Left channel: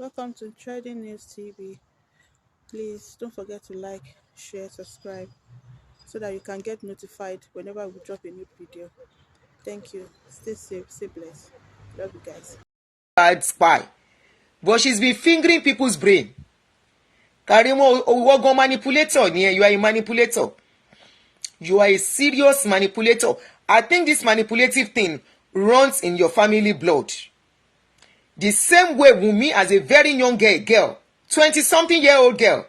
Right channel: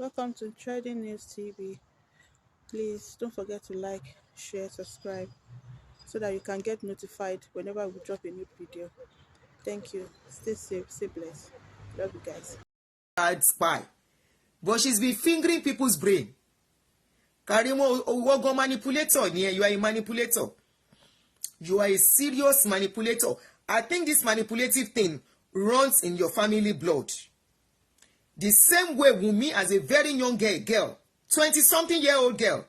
Welcome to Trading News TV. Please don't forget to like, share, subscribe so that you can get notified whenever we drop a new video. Thank you. Stay safe, stay blessed. Love you guys. Bad spy, but she's been fingering people's brain. Karimo, owogon manipulator. You are a manipulator. You are a serious manipulator. I think this manipulative thing runs in your family blood. The same way Wunmi, as a very young girl, 20-something-year-old girl,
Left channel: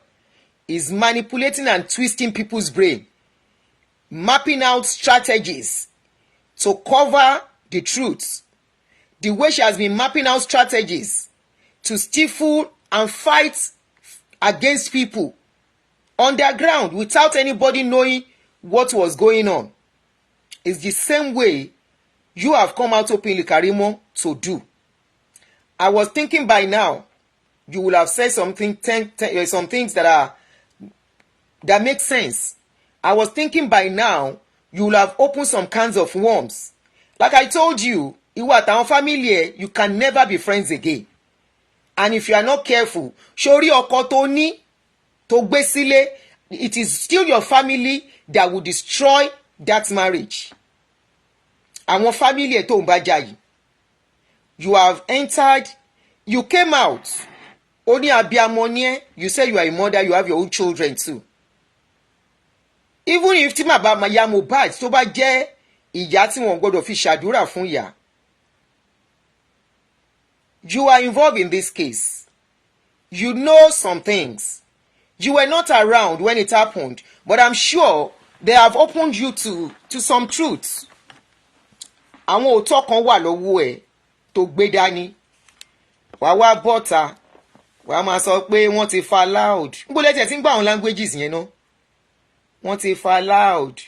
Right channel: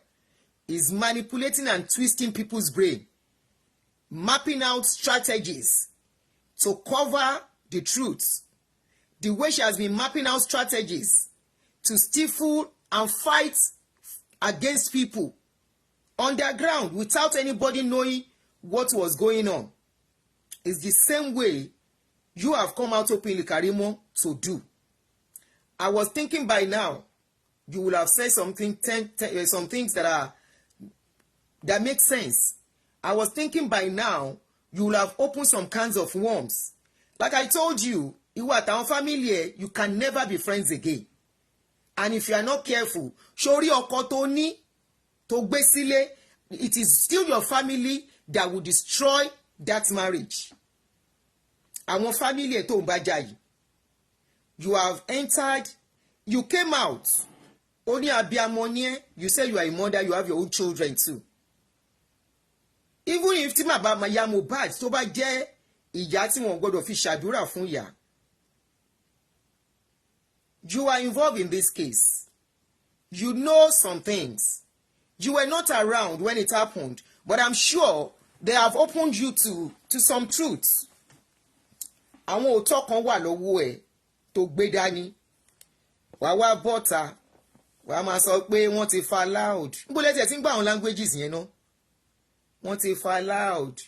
is manipulating and twisting people's brain, mapping out strategies to cover the truth. The way she has been mapping out strategies to stifle and fight against people underground without anybody knowing what was going on is the same way you have come out openly, Karimo, to do. I was thinking by now you will have said something, some things that make sense. I was thinking by now you will have opened some cans of worms. Like I told you, ìwọ àtàwọn family you can never be friends again. And if you are not careful, sórí ọkọ tó ní tó gbé sílé, it is still your family that will destroy that marriage. Àwọn family ẹ̀ tó ń bá jà yìí. You have entered, you came out. Ó ní abiyamọ ni ẹ́, you say you are a mother, you have your own children too. Even if tí màá ya Mohbad tó bá jẹ́ ìyá tí wọ́n gbọ́dọ̀ fi ṣàdúrà fún ìyá. You are involved in this case. You know some things. You were not around when it happened, but I'm sure they have opened you to some truths. Àwọn òótọ́ kan wà lọ́wọ́ ẹ̀ tó gbé dání. Wàá wá bọ́ta, wàá máa sọ pé wọ́n ti fa loud. Níbo lẹ́tẹ̀ tí ń gbà àwọn languages yẹn náà? Wọ́n ti fa loud.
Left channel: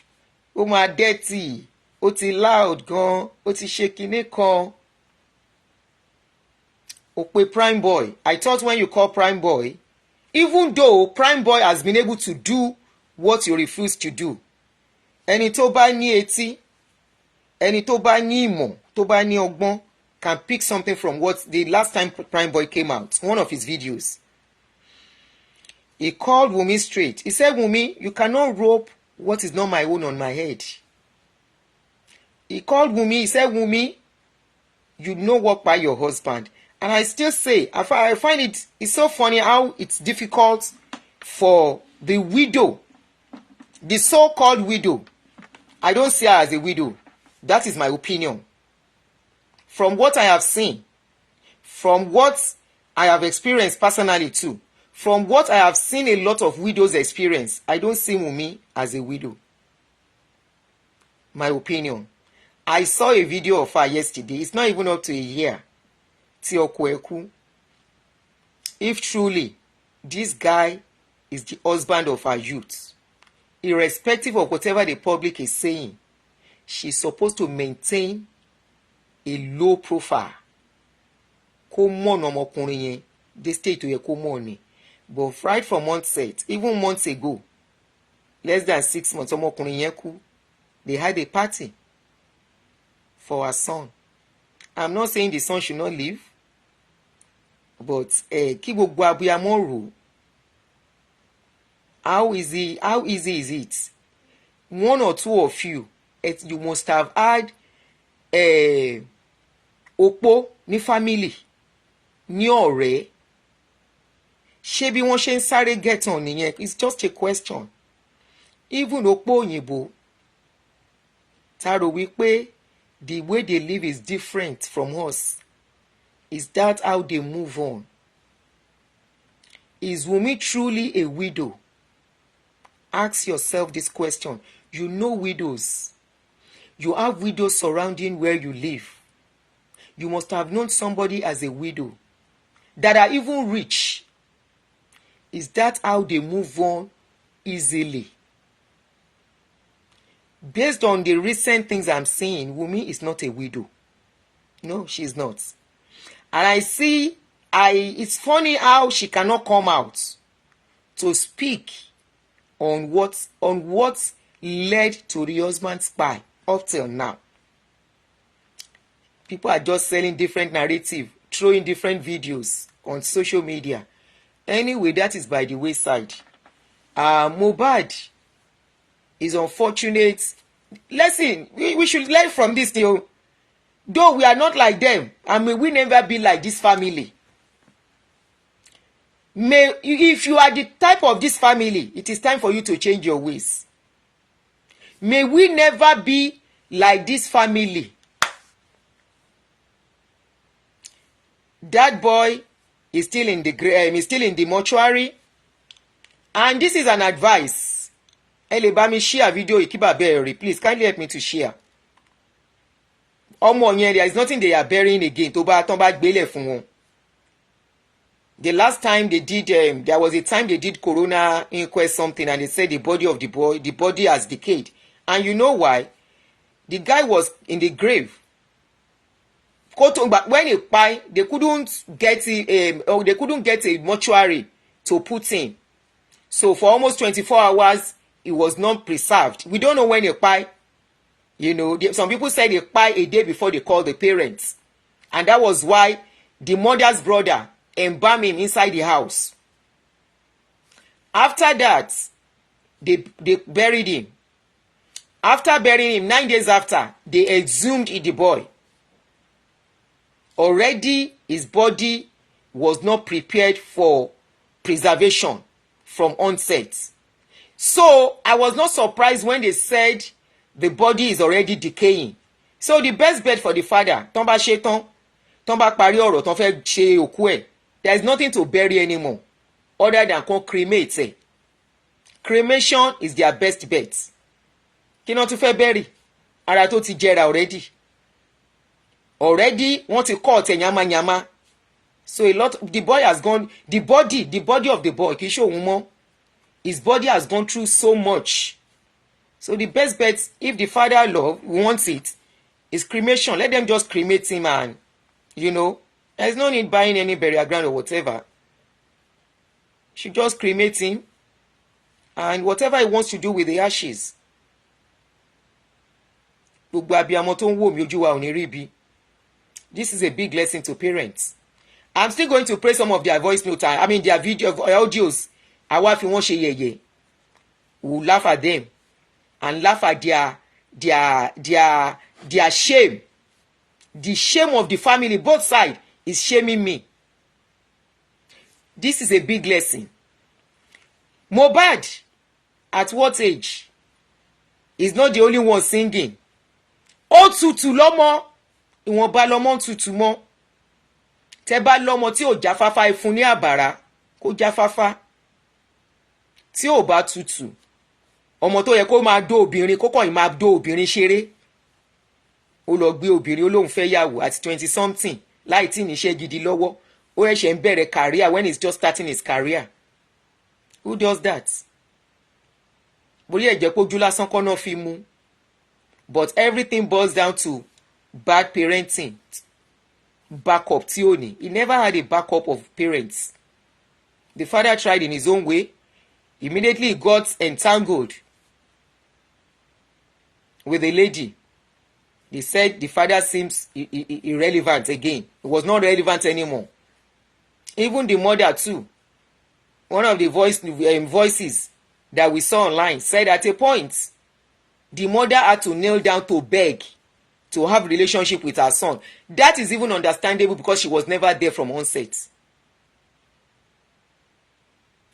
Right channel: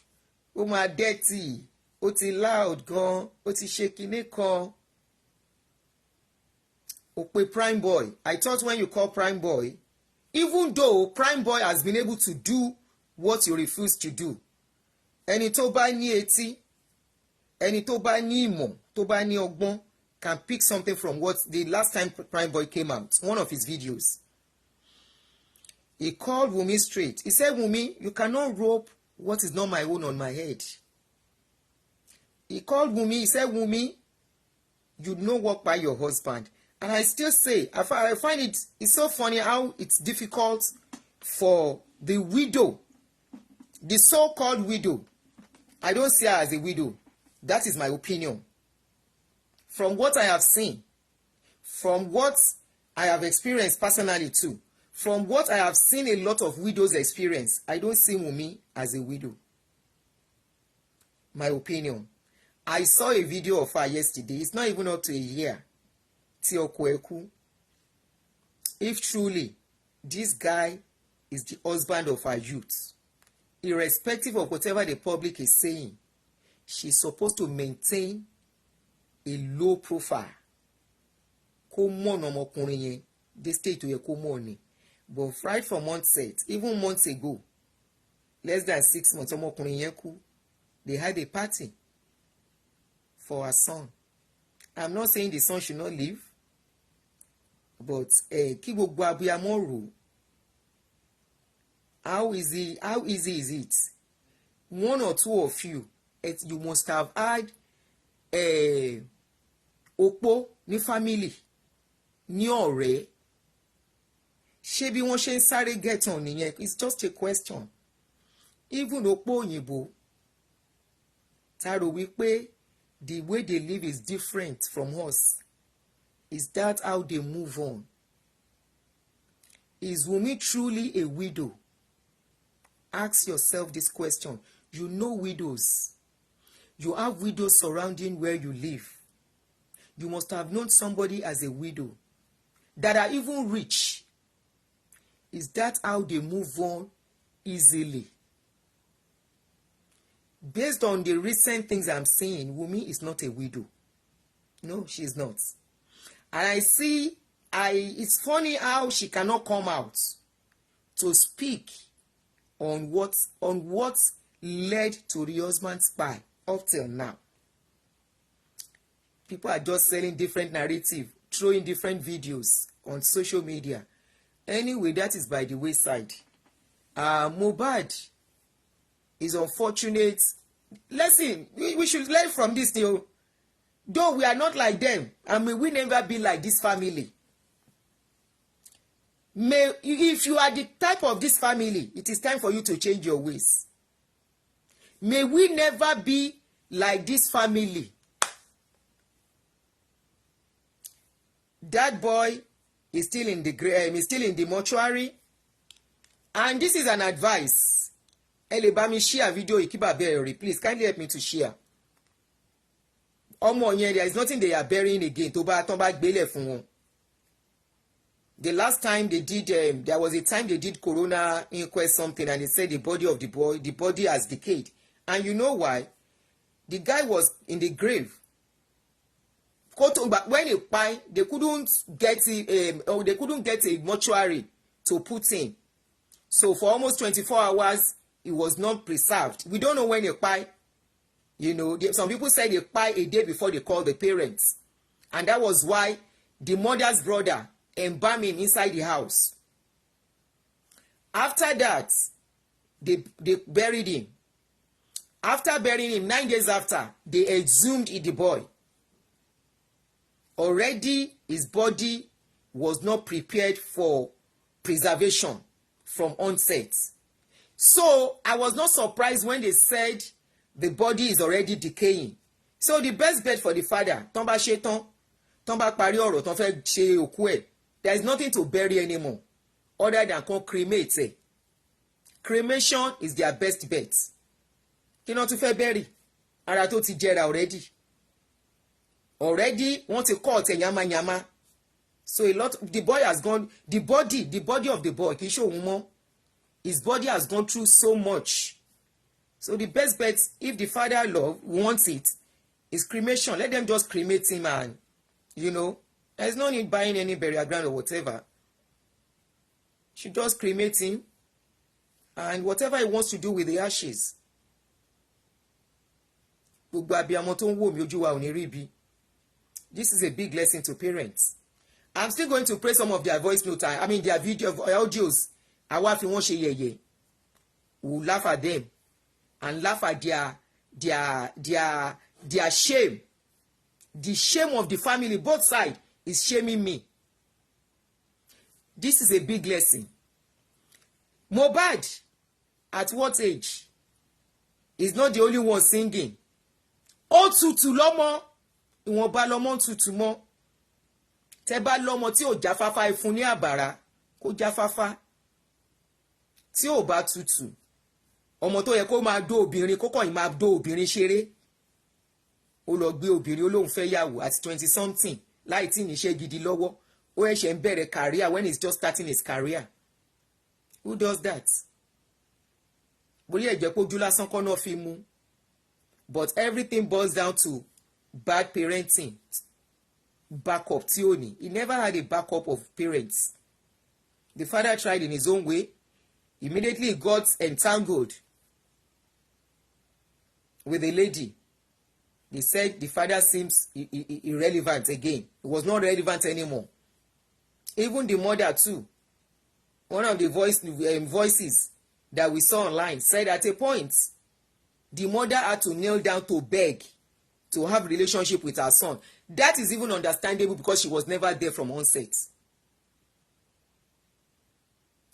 Ó máa dirty. Ó ti loud gan. Ó ti ṣe kinní kan. Ó pe Prime Boy. I thought when you call Prime Boy, even though Prime Boy has been able to do what you refuse to do. Ẹni tó bá ní etí, ẹni tó bá ní ìmọ̀, tó bá ní ọgbọ́n can pick something from what the last time Prime Boy came out, one of his videos. He called Wunmi straight. He said, Wunmi, you cannot rope what is not my own on my head. He called Wunmi. He said, Wunmi, you know what by your husband. And I still say, I find it's so funny how it's difficult for the widow, the so-called widow. I don't see her as a widow. That is my opinion. From what I have seen, from what I have experienced personally too, from what I have seen a lot of widows experience, I don't see Wunmi as a widow. My opinion. I saw a video of her yesterday. It's not even up to a year. Tí ọkọ ẹ̀ kú. If truly this guy is the husband of her youth, irrespective of whatever the public is saying, she's supposed to maintain a low profile. Kó mọ̀nà ọmọkùnrin yẹn, the state tó yẹ kó mọ̀ ni. But right from onset, even months ago, less than 6 months, ọmọkùnrin yẹn kú. They had a party for her son. I'm not saying the son should not live, but kí gbogbo abiyamọ rò. How easy is it? One or two of you, you must have had opó ní family, ní ọ̀rẹ́. Ṣé bí wọ́n ṣe ń sáré get on nìyẹn? It's just a question. Even opó òyìnbó, tá rò wípé the way they live is different from us. Is that how they move on? Is Wunmi truly a widow? Ask yourself this question. You know widows. You have widows surrounding where you live. You must have known somebody as a widow that are even rich. Is that how they move on easily? Based on the recent things I'm seeing, Wunmi is not a widow. No, she's not. And I see, it's funny how she cannot come out to speak on what led to the husband's spy up till now. People are just selling different narrative, throwing different videos on social media. Anyway, that is by the wayside. Mohbad is unfortunate. Listen, we should learn from this thing. Though we are not like them, and may we never be like this family. If you are the type of this family, it is time for you to change your ways. May we never be like this family. That boy is still in the mortuary, and this is an advice. Elebami share video ikiba bury. Please kindly help me to share. There is nothing they are burying again. The last time they did, there was a time they did corona inquest something, and they said the body of the boy, the body has decayed. And you know why? The guy was in the grave. But when he died, they couldn't get a mortuary to put in. So for almost 24 hours, it was not preserved. We don't know when he died. You know, some people said he died a day before they called the parents. And that was why the mother's brother embalmed him inside the house. After that, they buried him. After burying him, 9 days after, they exhumed the boy. Already, his body was not prepared for preservation from onset. So, I was not surprised when they said the body is already decaying. So, the best bet for the father, there is nothing to bury anymore other than cremate. Cremation is their best bet. Kí ló tún fẹ́ bury? Ara tó ti jẹrà already. Already, wọ́n ti cut yamayama. So the boy has gone, the body of the boy, kì í ṣe òun mọ́. His body has gone through so much. So the best bet, if the father wants it, is cremation. Let them just cremate him, and, you know, there's no need buying any burial ground or whatever. Should just cremate him, and whatever he wants to do with the ashes. This is a big lesson to parents. I'm still going to play some of their voice notes. I mean their audios. We'll laugh at them and laugh at their shame. The shame of the family, both sides, is shaming me. This is a big lesson. Mohbad, at what age? Is not the only one singing. Ó tutù lọ́mọ, ìwọ̀nba lọ́mọ tutù mọ́. Tẹ́ bá lọ́mọ tí ò jáfáfá ẹ fún ní àbàrà, kó jáfáfá. Tí ò bá tutù, ọmọ tó yẹ kó máa dó obìnrin, kó kàn máa dó obìnrin ṣeré. Ó lọ gbé obìnrin, ó lóun fẹ́ yàwó at 20 something, láì tí níṣẹ́ gidi lọ́wọ́. Ó ẹ̀ṣẹ̀ ń bẹ̀rẹ̀ career when he's just starting his career. Who does that? Bóyá ẹ̀jẹ̀ pójú lásán kọ́ náà fi mú. But everything boils down to bad parenting. Backup tí ó ní. He never had a backup of parents. The father tried in his own way. Immediately he got entangled with a lady. They said the father seems irrelevant again. It was not relevant anymore. Even the mother too. One of the voices that we saw online said at a point, the mother had to kneel down to beg to have relationship with her son. That is even understandable because she was never there from onset.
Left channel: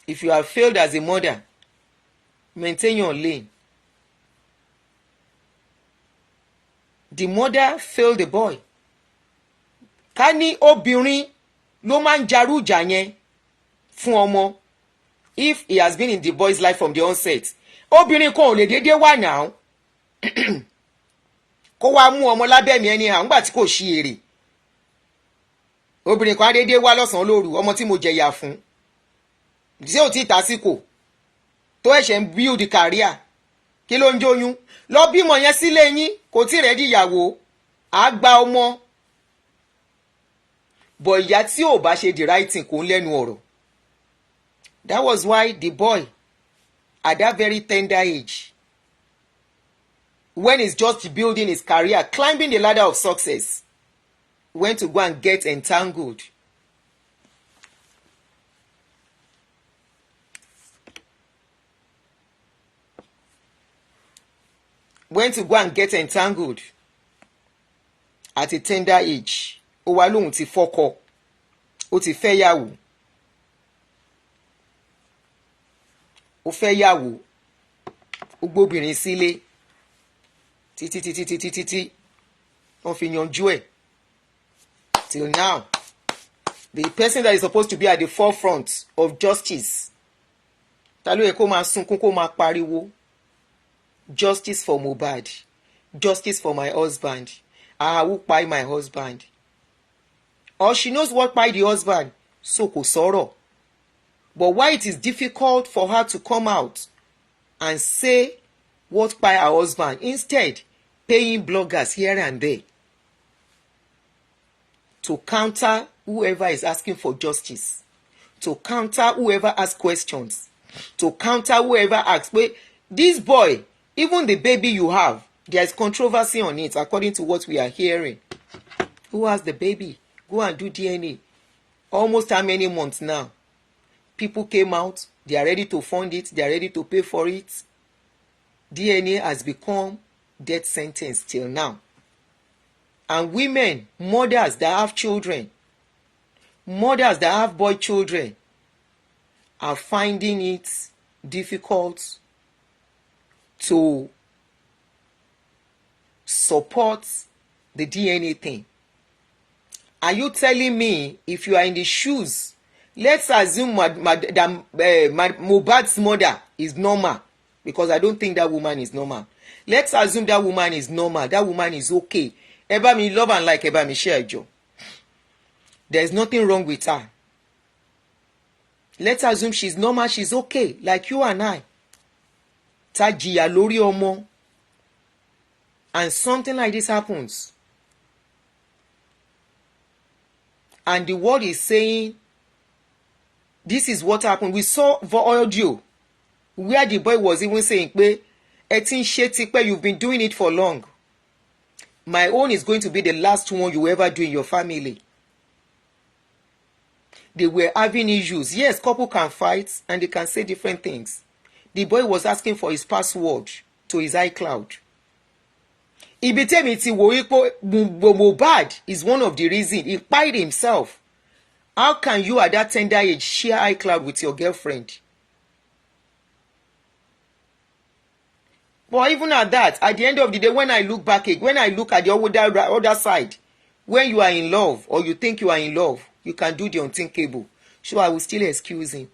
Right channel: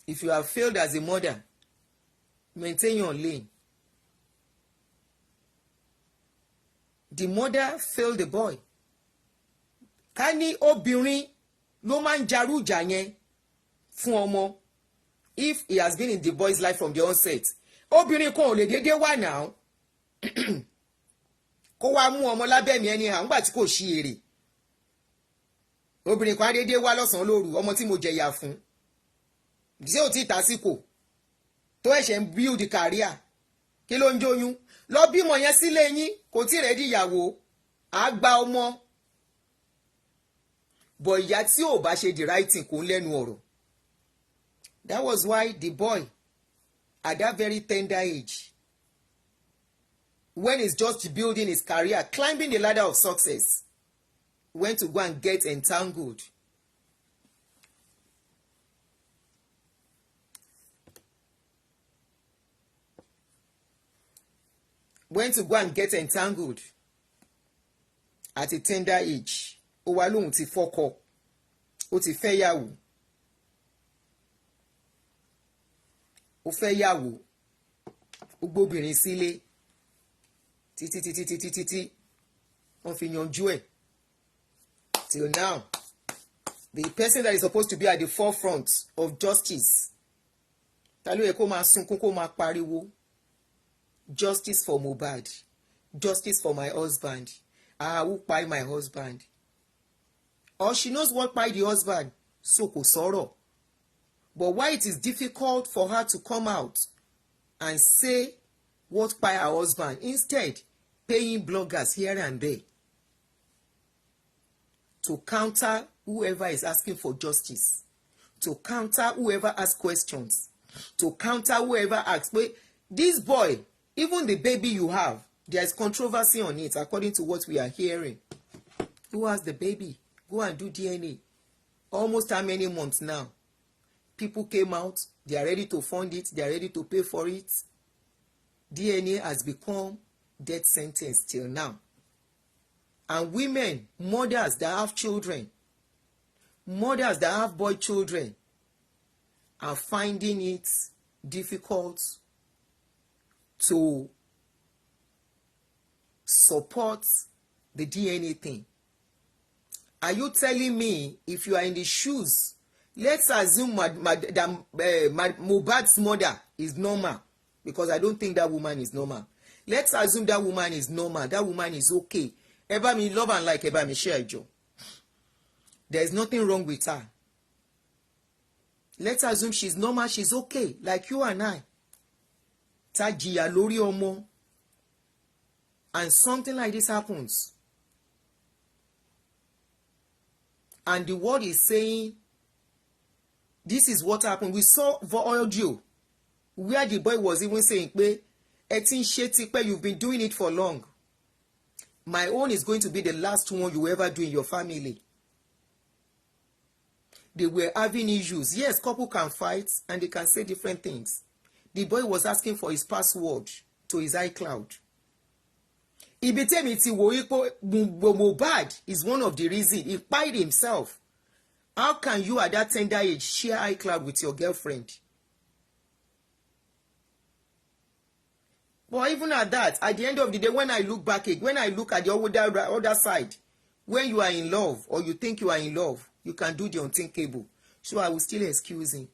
If you have failed as a mother, maintain your lane. The mother failed the boy. Ká ní obìnrin ló máa ń jarújà yẹn fún ọmọ. If he has been in the boy's life from the onset, obìnrin kan ò lè dédé wà náà. Kó wá mú ọmọ lábẹ́ mi anyhow ńgbà tí kò ṣí èrè. Obìnrin kan á dédé wá lọ́sàn-án lóru, ọmọ tí mo jẹ̀yà fún. Tí ò tí tásìkò tó ẹ̀ṣẹ̀ ń build career. Kí ló ń jóyún? Lọ bímọ yẹn sílé yín, kò tí rẹ̀ díyàwó, á gba ọmọ. But ìyá tí ò bá ṣe the right thing kò ń lẹ́nu ọ̀rọ̀. That was why the boy, at that very tender age, when he's just building his career, climbing the ladder of success, went to go and get entangled went to go and get entangled at a tender age. Ó wá lóhùn ti fọ́kọ, ó ti fẹ́ yàwó. Ó fẹ́ yàwó, ó gbóbìnrin sílé títí wọ́n fi yanjú ẹ̀. Till now, the person that is supposed to be at the forefront of justice, ta ló yẹ kó máa sunkún kó máa pariwo, justice for Mohbad, justice for my husband, who kpai my husband. Or she knows what kpai the husband, so kò sọ̀rọ̀. But why it is difficult for her to come out and say what kpai her husband, instead paying bloggers here and there to counter whoever is asking for justice, to counter whoever asks questions, to counter whoever asks, wait, this boy, even the baby you have, there is controversy on it according to what we are hearing. Who has the baby? Go and do DNA. Almost how many months now? People came out, they are ready to fund it, they are ready to pay for it. DNA has become death sentence till now. And women, mothers that have children, mothers that have boy children, are finding it difficult to support the DNA thing. Are you telling me, if you are in the shoes, let's assume Mohbad's mother is normal, because I don't think that woman is normal. Let's assume that woman is normal, that woman is okay. Ẹ bá mi love and like, ẹ bá mi share ẹjọ. There is nothing wrong with her. Let's assume she's normal, she's okay, like you and I. Ta jìyà lórí ọmọ. And something like this happens. And the world is saying, this is what happened. We saw the audio where the boy was even saying, ẹ ti ń ṣe tipẹ́, you've been doing it for long. My own is going to be the last one you ever do in your family. They were having issues. Yes, couple can fight and they can say different things. The boy was asking for his password to his iCloud. Ibi tẹ́mi ti wò wípé Mohbad is one of the reasons he kpai himself. How can you at that tender age share iCloud with your girlfriend? But even at that, at the end of the day, when I look back, when I look at the other side, when you are in love or you think you are in love, you can do the unthinkable. So I will still excuse him.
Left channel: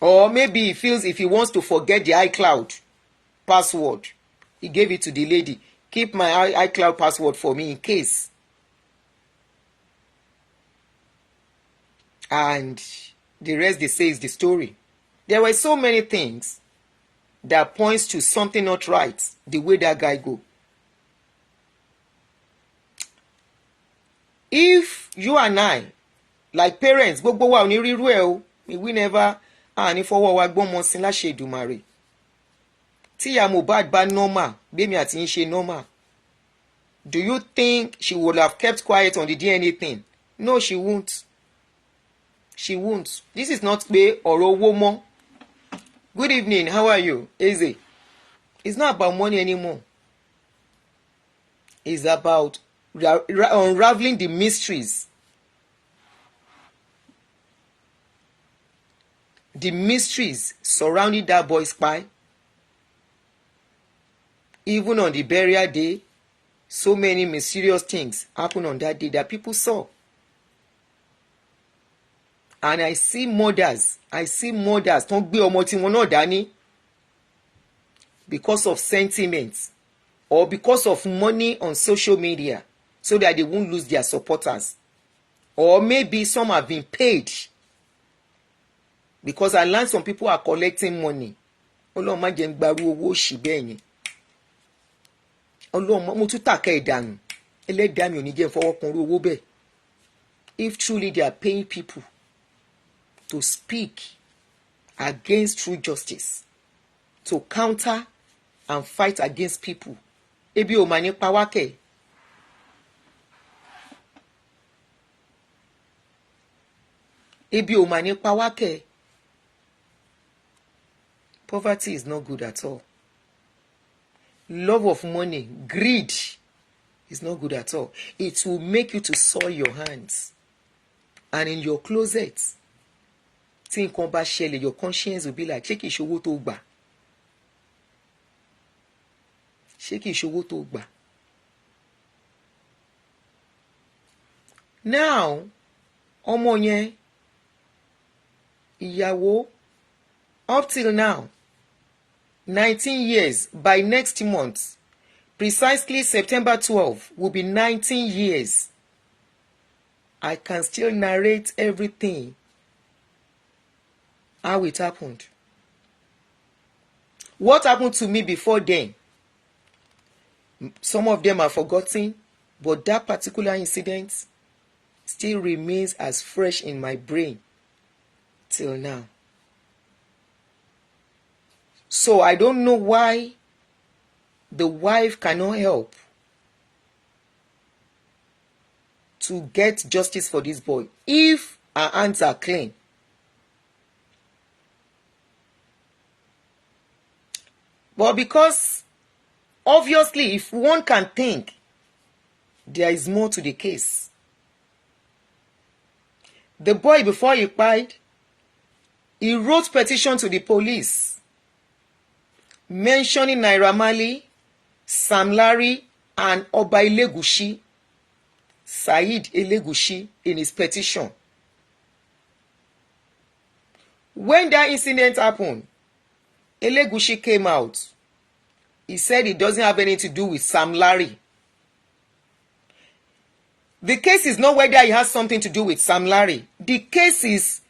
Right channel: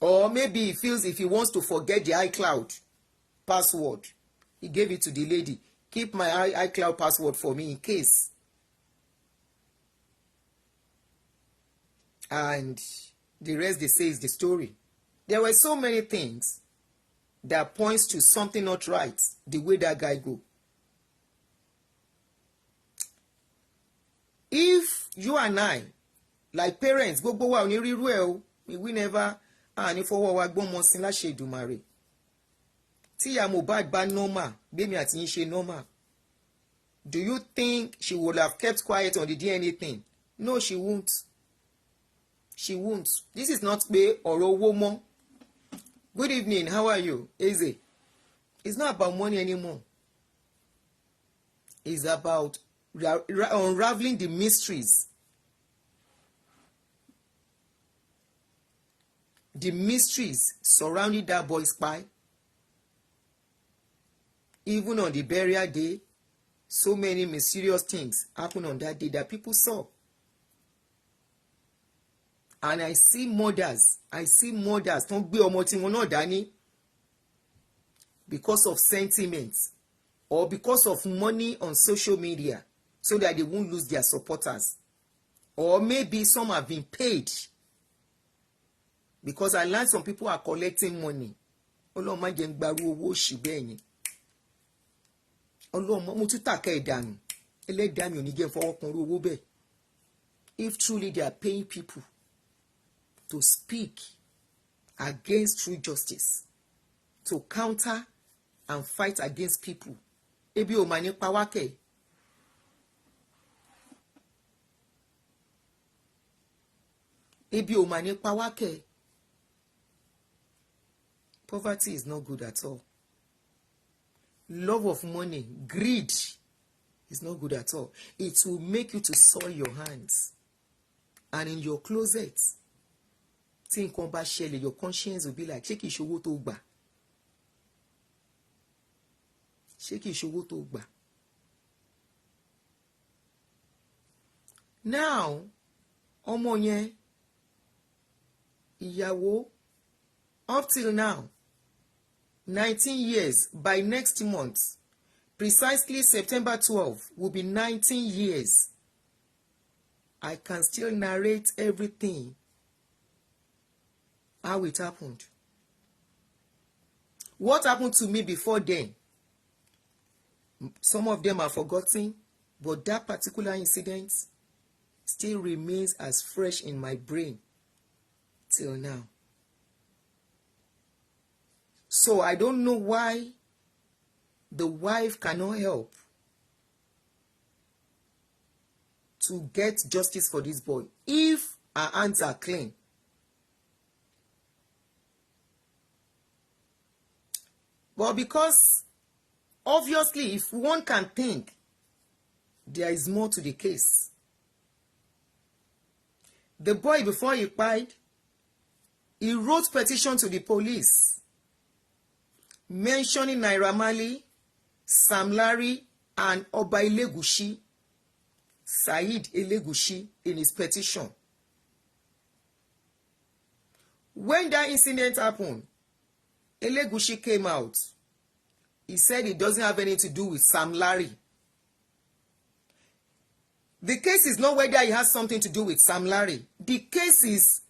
Or maybe he feels if he wants to forget the iCloud password, he gave it to the lady. Keep my iCloud password for me in case. And the rest they say is the story. There were so many things that points to something not right, the way that guy go. If you and I, like parents, gbogbo wa ò ní rírú ẹ̀ o, we never ní fọwọ́ wa gbọ́mọ sí láṣẹ Èdùmàrè. Tí ìyá Mohbad bá normal, bẹ́mi àti yín ṣe normal. Do you think she would have kept quiet on the DNA thing? No, she won't. She won't. This is not pé ọ̀rọ̀ owó mọ́. Good evening, how are you? Eze. It's not about money anymore. It's about unraveling the mysteries. The mysteries surrounding that boy's spy. Even on the burial day, so many mysterious things happened on that day that people saw. And I see mothers tó ń gbé ọmọ tí wọn náà dání because of sentiments or because of money on social media so that they won't lose their supporters. Or maybe some have been paid because I learned some people are collecting money. Ọlọ́run má jẹ́ ń gbarú owó òṣì bẹ́ẹ̀ yẹn. Ọlọ́run mo tún tàkà ìdànù. Ẹlẹ́dàá mi ò ní jẹ́ fọwọ́ kan owó bẹ́ẹ̀. If truly they are paying people to speak against true justice, to counter and fight against people, ebi ò mà ní pa wá kẹ̀. Ebi ò mà ní pa wá kẹ̀. Poverty is not good at all. love of money, greed is not good at all. It will make you to soil your hands. And in your closet, tí nǹkan bá ṣẹlẹ̀, your conscience will be like, ṣé kìí ṣowó tó gbà? Ṣé kìí ṣowó tó gbà? Now, ọmọ yẹn, ìyàwó, up till now, 19 years, by next month, precisely September 12, will be 19 years. I can still narrate everything, how it happened. What happened to me before then? Some of them are forgotten, but that particular incident still remains as fresh in my brain till now. So I don't know why the wife cannot help to get justice for this boy if her hands are clean. But because obviously, if one can think, there is more to the case. The boy, before he died, he wrote petition to the police mentioning Naira Marley, Sam Larry, and Oba Elegushi, Saheed Elegushi, in his petition. When that incident happened, Elegushi came out. He said it doesn't have anything to do with Sam Larry. The case is not whether it has something to do with Sam Larry. The case is,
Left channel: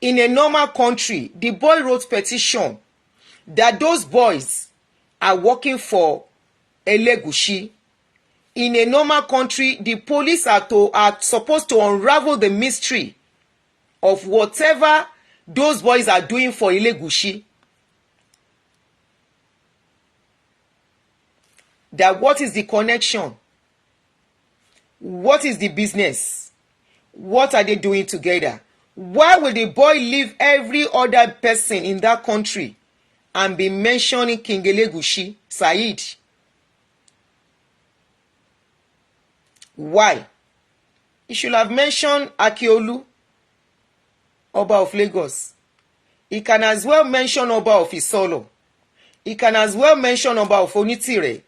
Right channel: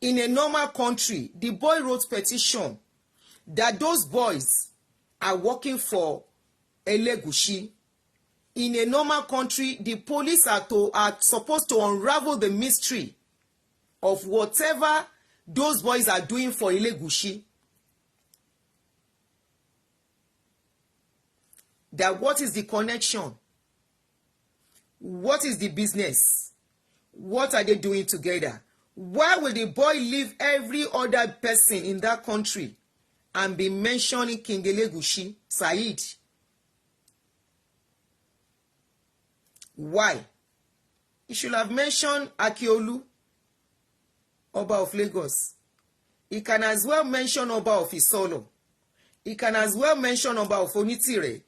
in a normal country, the boy wrote petition that those boys are working for Elegushi. In a normal country, the police are supposed to unravel the mystery of whatever those boys are doing for Elegushi. That what is the connection? What is the business? What are they doing together? Why will the boy leave every other person in that country and be mentioning King Elegushi, Saheed? Why? He should have mentioned Akiolu, Oba of Lagos. He can as well mention Oba of Isolo. He can as well mention Oba of Onitire,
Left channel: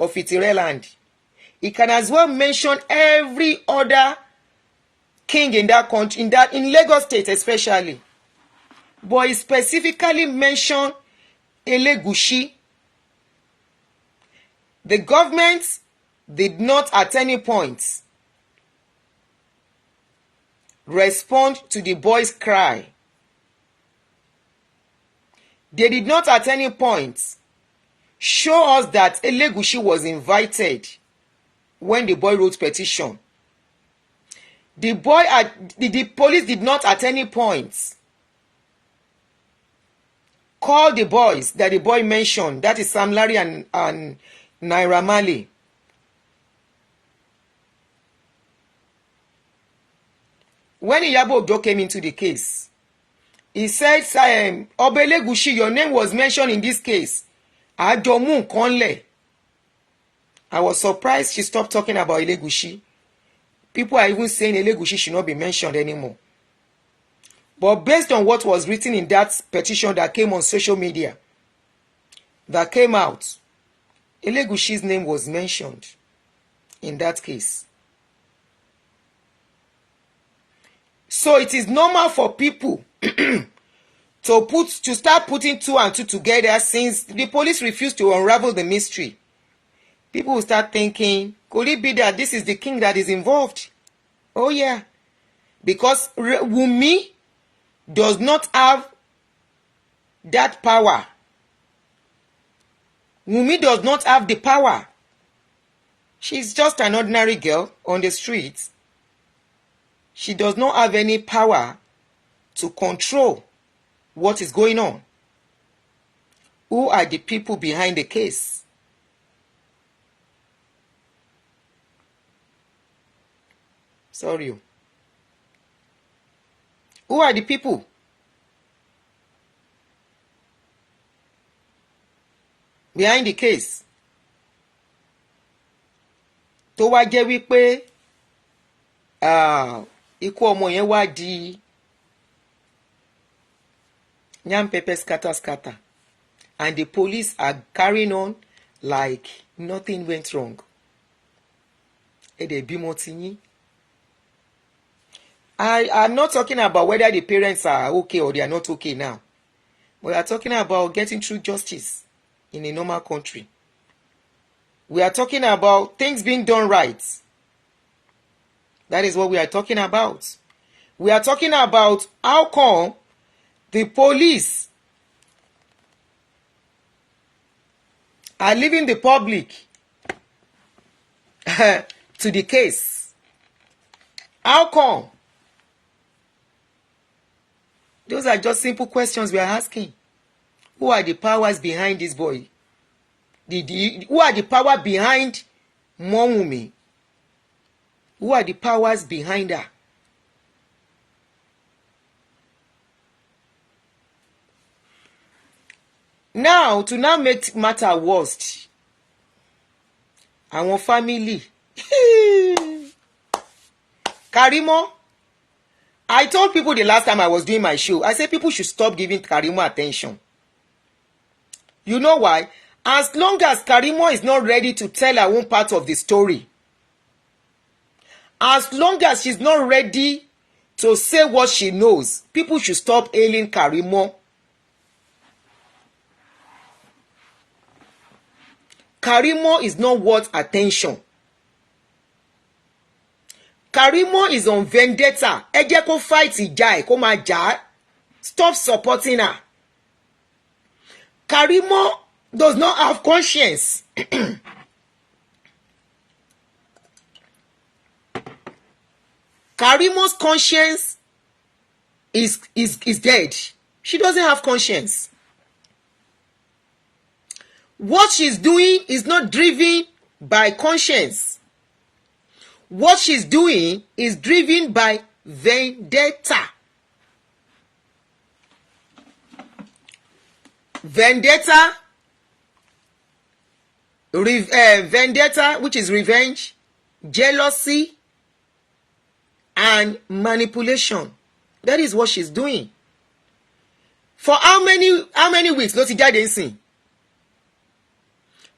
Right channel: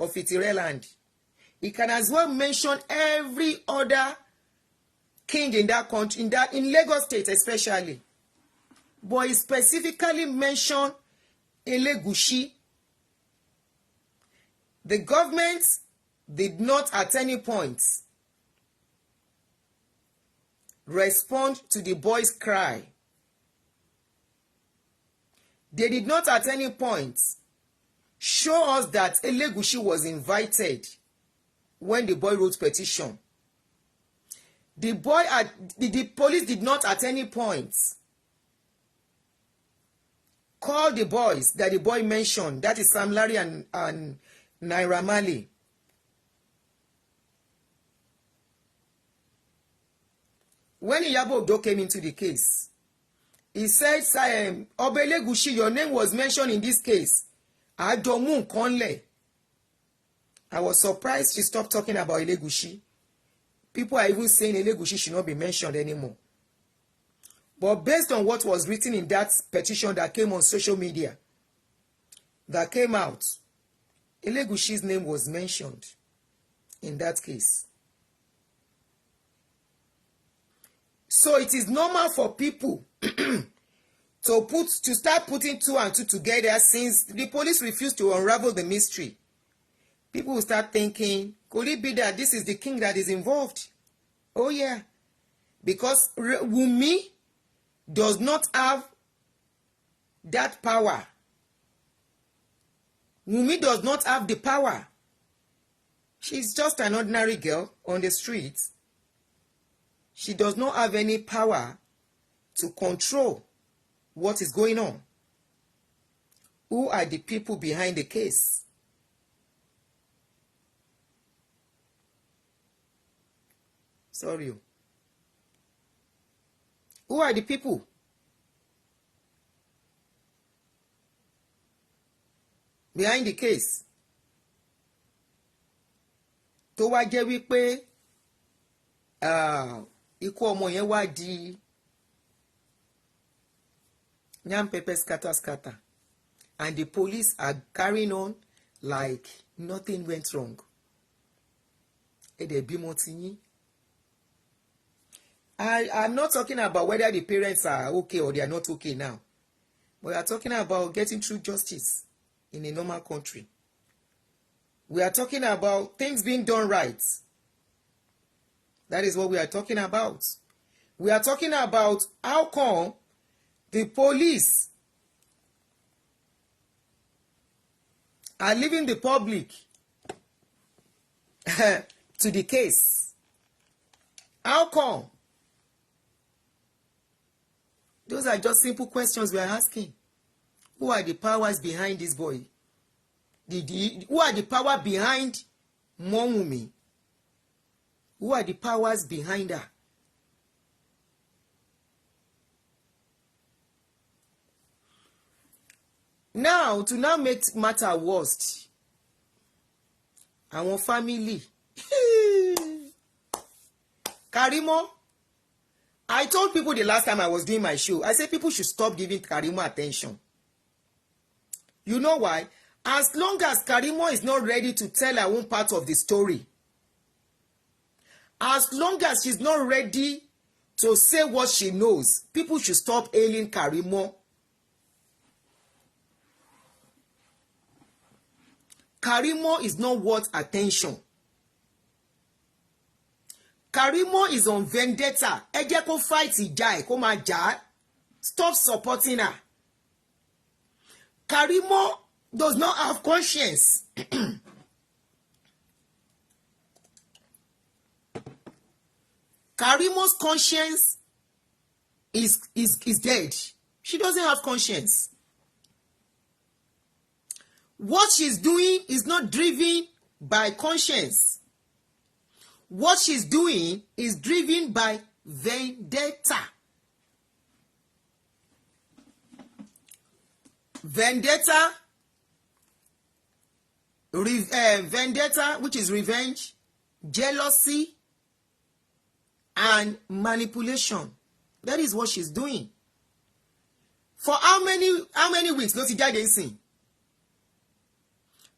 of Itireland. He can as well mention every other king in that country, in Lagos State especially. But he specifically mentioned Elegushi. The government did not at any point respond to the boy's cry. They did not at any point show us that Elegushi was invited when the boy wrote petition. The police did not at any point call the boys that the boy mentioned, that is Sam Larry and Naira Marley. When Iyabo Ojo came into the case, he said, Oba Elegushi, your name was mentioned in this case. Ajomu Konle. I was surprised she stopped talking about Elegushi. People are even saying Elegushi should not be mentioned anymore. But based on what was written in that petition that came on social media, that came out, Elegushi's name was mentioned in that case. So it is normal for people to start putting two and two together, since the police refused to unravel the mystery. People will start thinking, could it be that this is the king that is involved? Oh yeah. Because Wunmi does not have that power. Wunmi does not have the power. She's just an ordinary girl on the streets. She does not have any power to control what is going on. Who are the people behind the case? Sorry. Who are the people? Behind the case? tó wá jẹ́ wípé ikú ọmọ yẹn wá di yam pepper scatter scatter, and the police are carrying on like nothing went wrong. Ẹ̀dẹ̀ bímọ ti yín. I'm not talking about whether the parents are okay or they are not okay now. We are talking about getting through justice in a normal country. We are talking about things being done right. That is what we are talking about. We are talking about how come the police are leaving the public to the case. How come? Those are just simple questions we are asking. Who are the powers behind this boy? Who are the power behind Momumi? Who are the powers behind her? Now, to now make matter worse, our family. Karimo, I told people the last time I was doing my show, I said people should stop giving Karimo attention. You know why? As long as Karimo is not ready to tell her own part of the story, as long as she's not ready to say what she knows, people should stop hailing Karimo. Karimo is not worth attention. Karimo is on vendetta. Ẹ jẹ́ kó fight ìjà ẹ̀ kó máa jà. Stop supporting her. Karimo does not have conscience. Karimo's conscience is dead. She doesn't have conscience. What she's doing is not driven by conscience. What she's doing is driven by vendetta. Vendetta, which is revenge, jealousy, and manipulation. That is what she's doing. For how many weeks ló ti jáde ńsìn?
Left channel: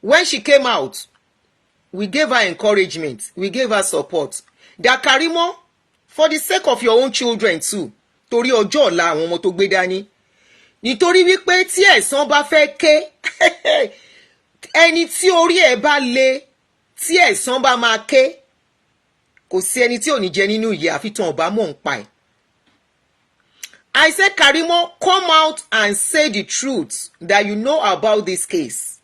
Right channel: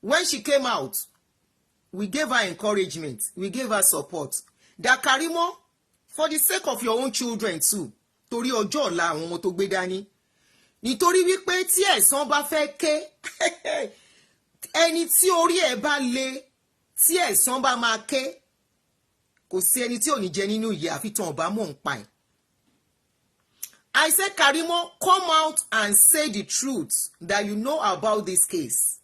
When she came out, we gave her encouragement, we gave her support. That Karimo, for the sake of your own children too, torí ọjọ́ ọ̀la àwọn ọmọ tó gbé dání. Nítorí wípé tí ẹ̀san bá fẹ́ ké, ẹni tí orí ẹ̀ bá le, tí ẹ̀san bá máa ké, kò sí ẹni tí ò ní jẹ nínú ìyà àfi tán ọba mọ̀ ń pa ẹ̀. I said, Karimo, come out and say the truth that you know about this case.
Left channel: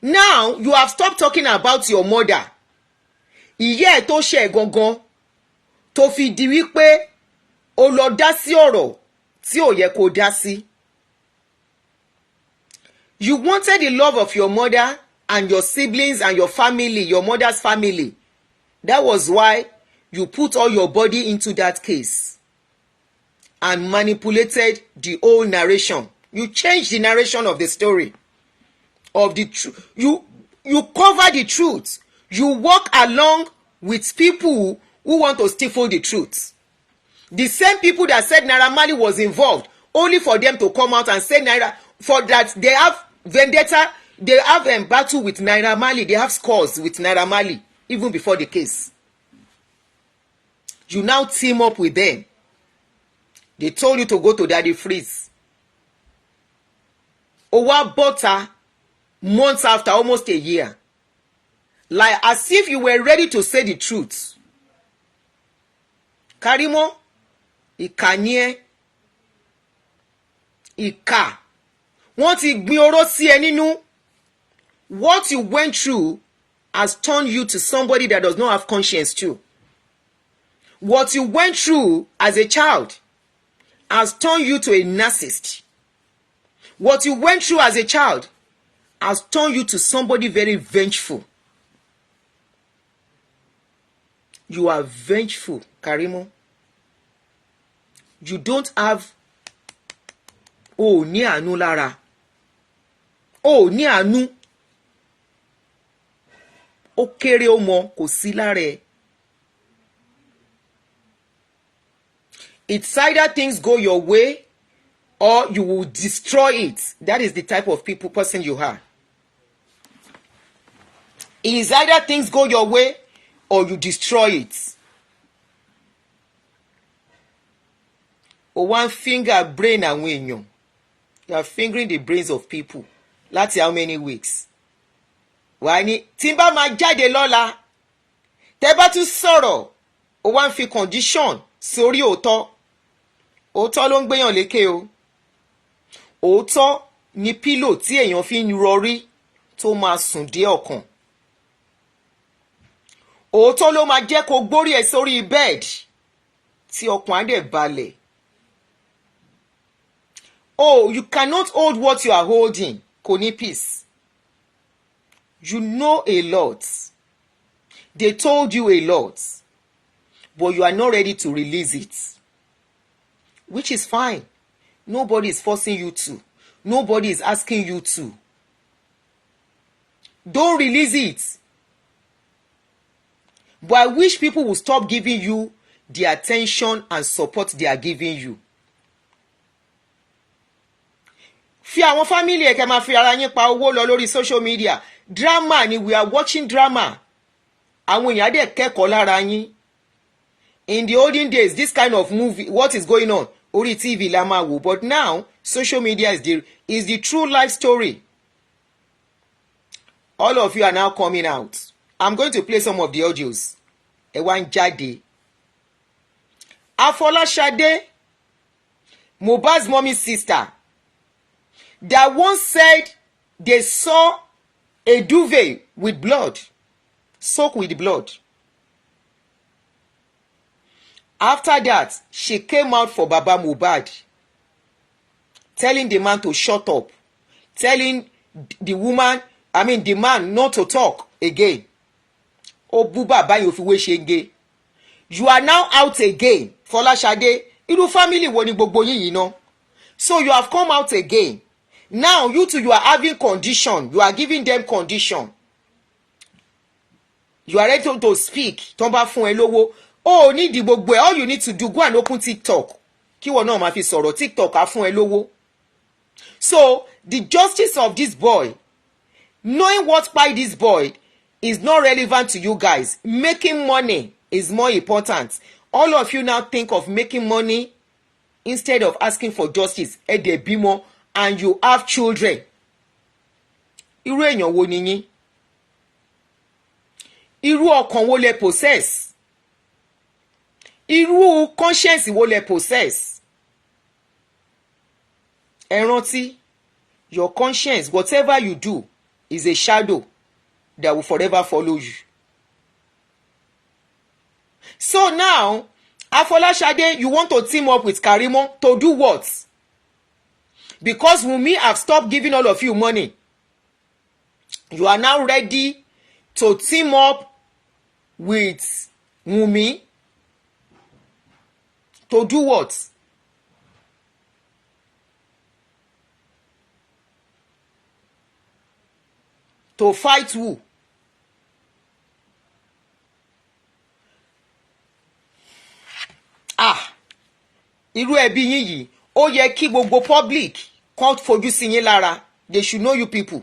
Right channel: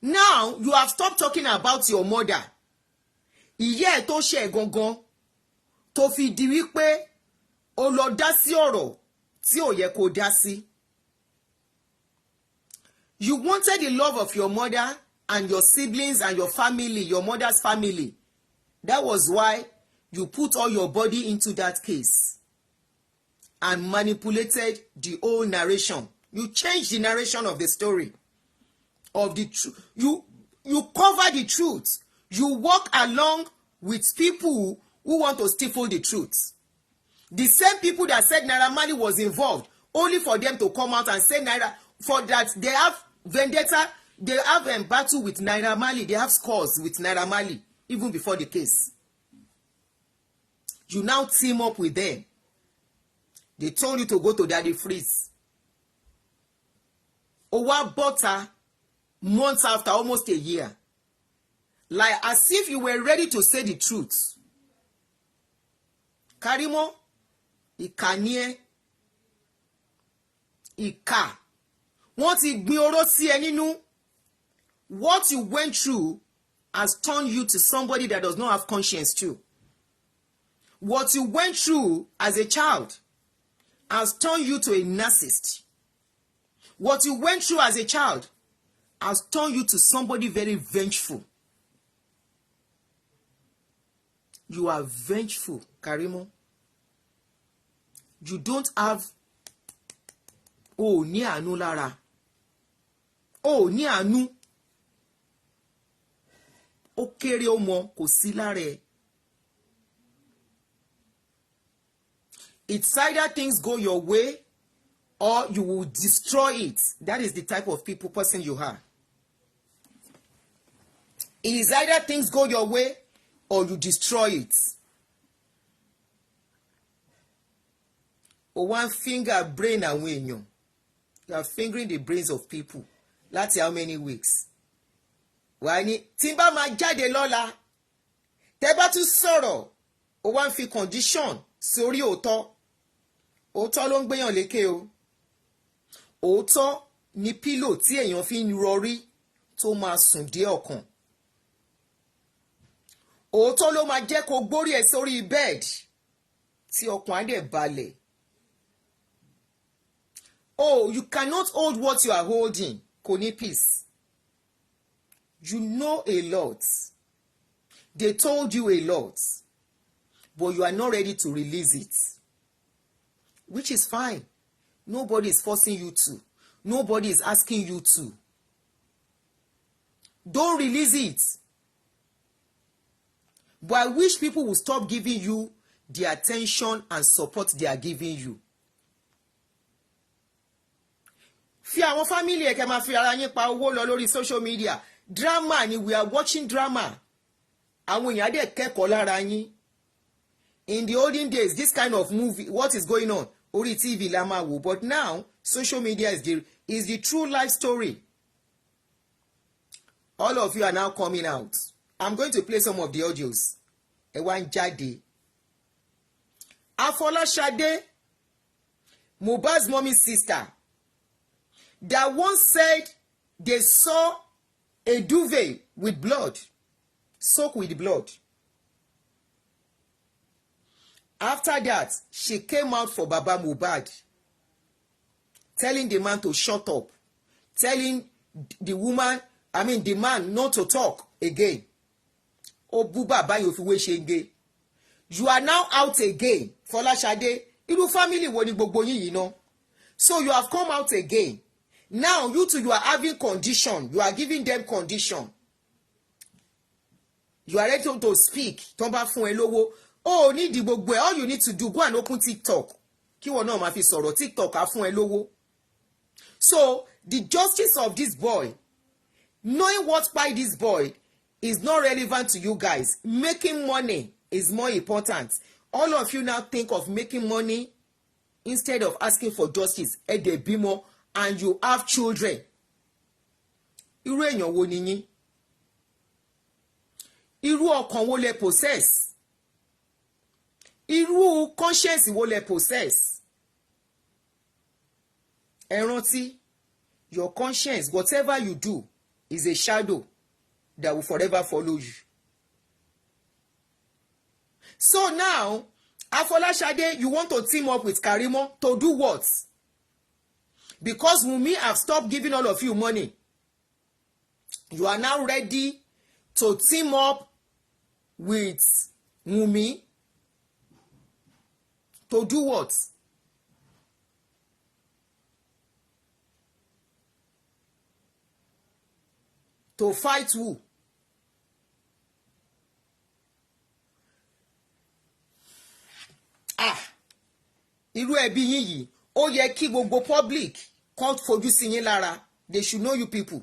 Now, you have stopped talking about your mother. Ìyá ẹ̀ tó ṣe ẹ̀ gangan tó fi di wípé ó lọ dá sí ọ̀rọ̀ tí ò yẹ kó dá sí. You wanted the love of your mother and your siblings and your family, your mother's family. That was why you put all your body into that case and manipulated the whole narration. You changed the narration of the story. Of the truth. You cover the truth. You walk along with people who want to stifle the truth. The same people that said Naira Marley was involved, only for them to come out and say for that they have vendetta, they have a battle with Naira Marley, they have scores with Naira Marley, even before the case. You now team up with them. They told you to go to Daddy Freeze. Owa butter months after, almost a year. Like as if you were ready to say the truth. Karimo, ìkà ìkà. Wọ́n ti gbin oró sí ẹ nínú. What you went through has turned you to somebody that does not have conscience too. What you went through as a child has turned you to a narcissist. What you went through as a child has turned you to somebody very vengeful. You are vengeful, Karimo. You don't have ní àánú lára. Ní àánú. ó kéré ó mọ kò sí lára ẹ̀. It's either things go your way or you will destroy it. That is the type of person you are. It is either things go your way or you destroy it. O one finger brain àwọn èèyàn. You are fingering the brains of people. Láti how many weeks? Wàá ní tí n bá máa jáde lọ́la. Tẹ́ bá tún sọ̀rọ̀. O wá ń fi condition sórí òótọ́. Òótọ́ ló ń gbéyàn lékè o. Òótọ́ ni pílò tí èèyàn fi ń rọrí tó máa sùn dé ọkàn. Òótọ́ ló máa jẹ́ kó gbórí ẹ̀ sórí bed tí ọkàn á dẹ̀ balẹ̀. Oh, you cannot hold what you are holding. Kò ní peace. You know a lot. They told you a lot. But you are not ready to release it. Which is fine. Nobody is forcing you to. Nobody is asking you to. Don't release it. But I wish people will stop giving you the attention and support they are giving you. Fi àwọn family ẹ kẹ́ máa fi ara yín pa owó lọ lórí social media. Drama ni, we are watching drama. Àwọn èèyàn dẹ̀ kẹ́kọ̀ọ́ lára yín. In the olden days, this kind of movie, what is going on? Orí TV la máa wò. But now, social media is the true life story. All of you are now coming out. I'm going to play some of the audios. Ẹ wá ń jáde. Afolashade, Mohbad's mommy's sister, that once said they saw a duvet with blood, soaked with blood. After that, she came out for Baba Mohbad, telling the man to shut up, telling the man not to talk again. Oh, Buba Bayo fi we shenge. You are now out again, Folashade. Irú family wo ni gbogbo yín yìí ná. So you have come out again. Now you two, you are having condition. You are giving them condition. You are ready to speak. Tó bá fún ẹ lówó. Oh, need the gbogbo ẹ. All you need to do, go and open TikTok. Kí wọ́n náà máa fi sọ̀rọ̀. TikTok á fún ẹ lówó. So the justice of this boy, knowing what by this boy, is not relevant to you guys. Making money is more important. All of you now think of making money instead of asking for justice. Ẹ dẹ̀ bímọ and you have children. Irú èèyàn wo ni yín? Irú ọkàn wo lẹ possess? Irú conscience wo lẹ possess? Ẹ rántí, your conscience, whatever you do, is a shadow that will forever follow you. So now, Afolashade, you want to team up with Karimo to do what? Because Wunmi have stopped giving all of you money. You are now ready to team up with Wunmi to do what? To fight who? Irú ẹbí yín yìí, ó yẹ kí gbogbo public kan fojú sí yín lára. They should know you people.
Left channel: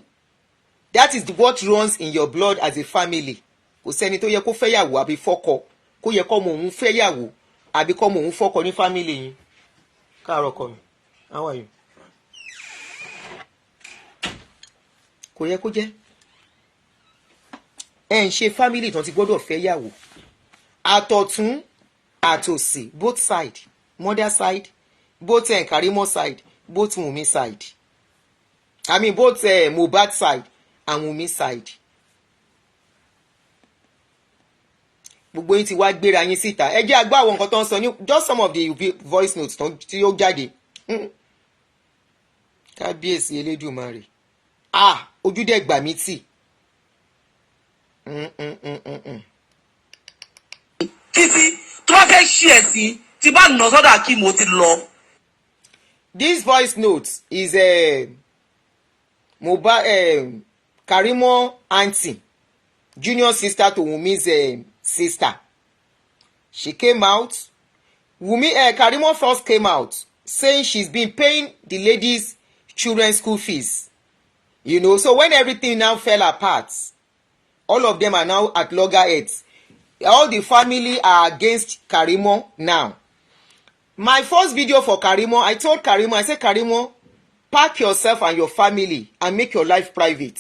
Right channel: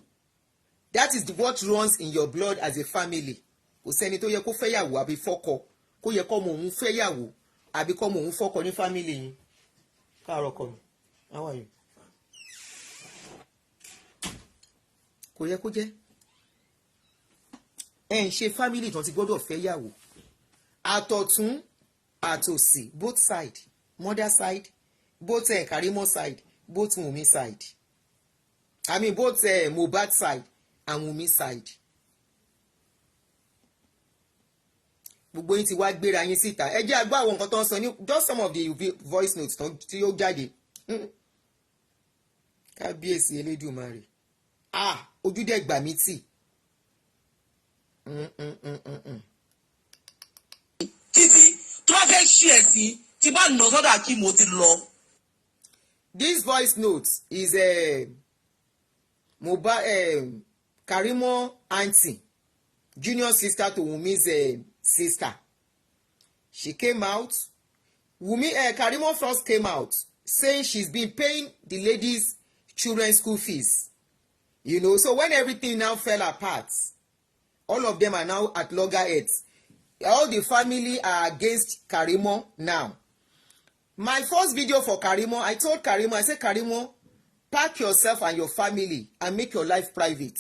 That is what runs in your blood as a family. Kò sẹ́ni tó yẹ kó fẹ́yàwó àbí fọ́kọ, kó yẹ kó mọ òun fẹ́yàwó àbí kó mọ òun fọ́kọ ní family yín. Káàárọ̀ kọ mi, how are you? Kò yẹ kó jẹ́. Ẹ ń ṣe family tán ti gbọ́dọ̀ fẹ́yàwó. Àtọ̀tún àtòsì, both side, mother side, both Karimo side, both Wunmi side. I mean both Mohbad side and Wunmi side. Gbogbo yín ti wá gbéra yín síta. Ẹ jẹ́ àgbà àwọn nǹkan tó ń sọ ní just some of the voice notes tí ó jáde. Kábíyèsí Elédùmarè. Ojú dẹ̀ gbà mí tì. Títí tó bá fẹ́ ṣí ẹ̀ sí tí bá nà sọ́dọ̀ kí mo ti lọ. This voice note is Mohbad Karimo Aunty junior sister to Wumi's sister. She came out. Karimo first came out saying she's been paying the ladies' children's school fees. You know, so when everything now fell apart, all of them are now at loggerheads. All the family are against Karimo now. My first video for Karimo, I told Karimo, I said, Karimo, pack yourself and your family and make your life private.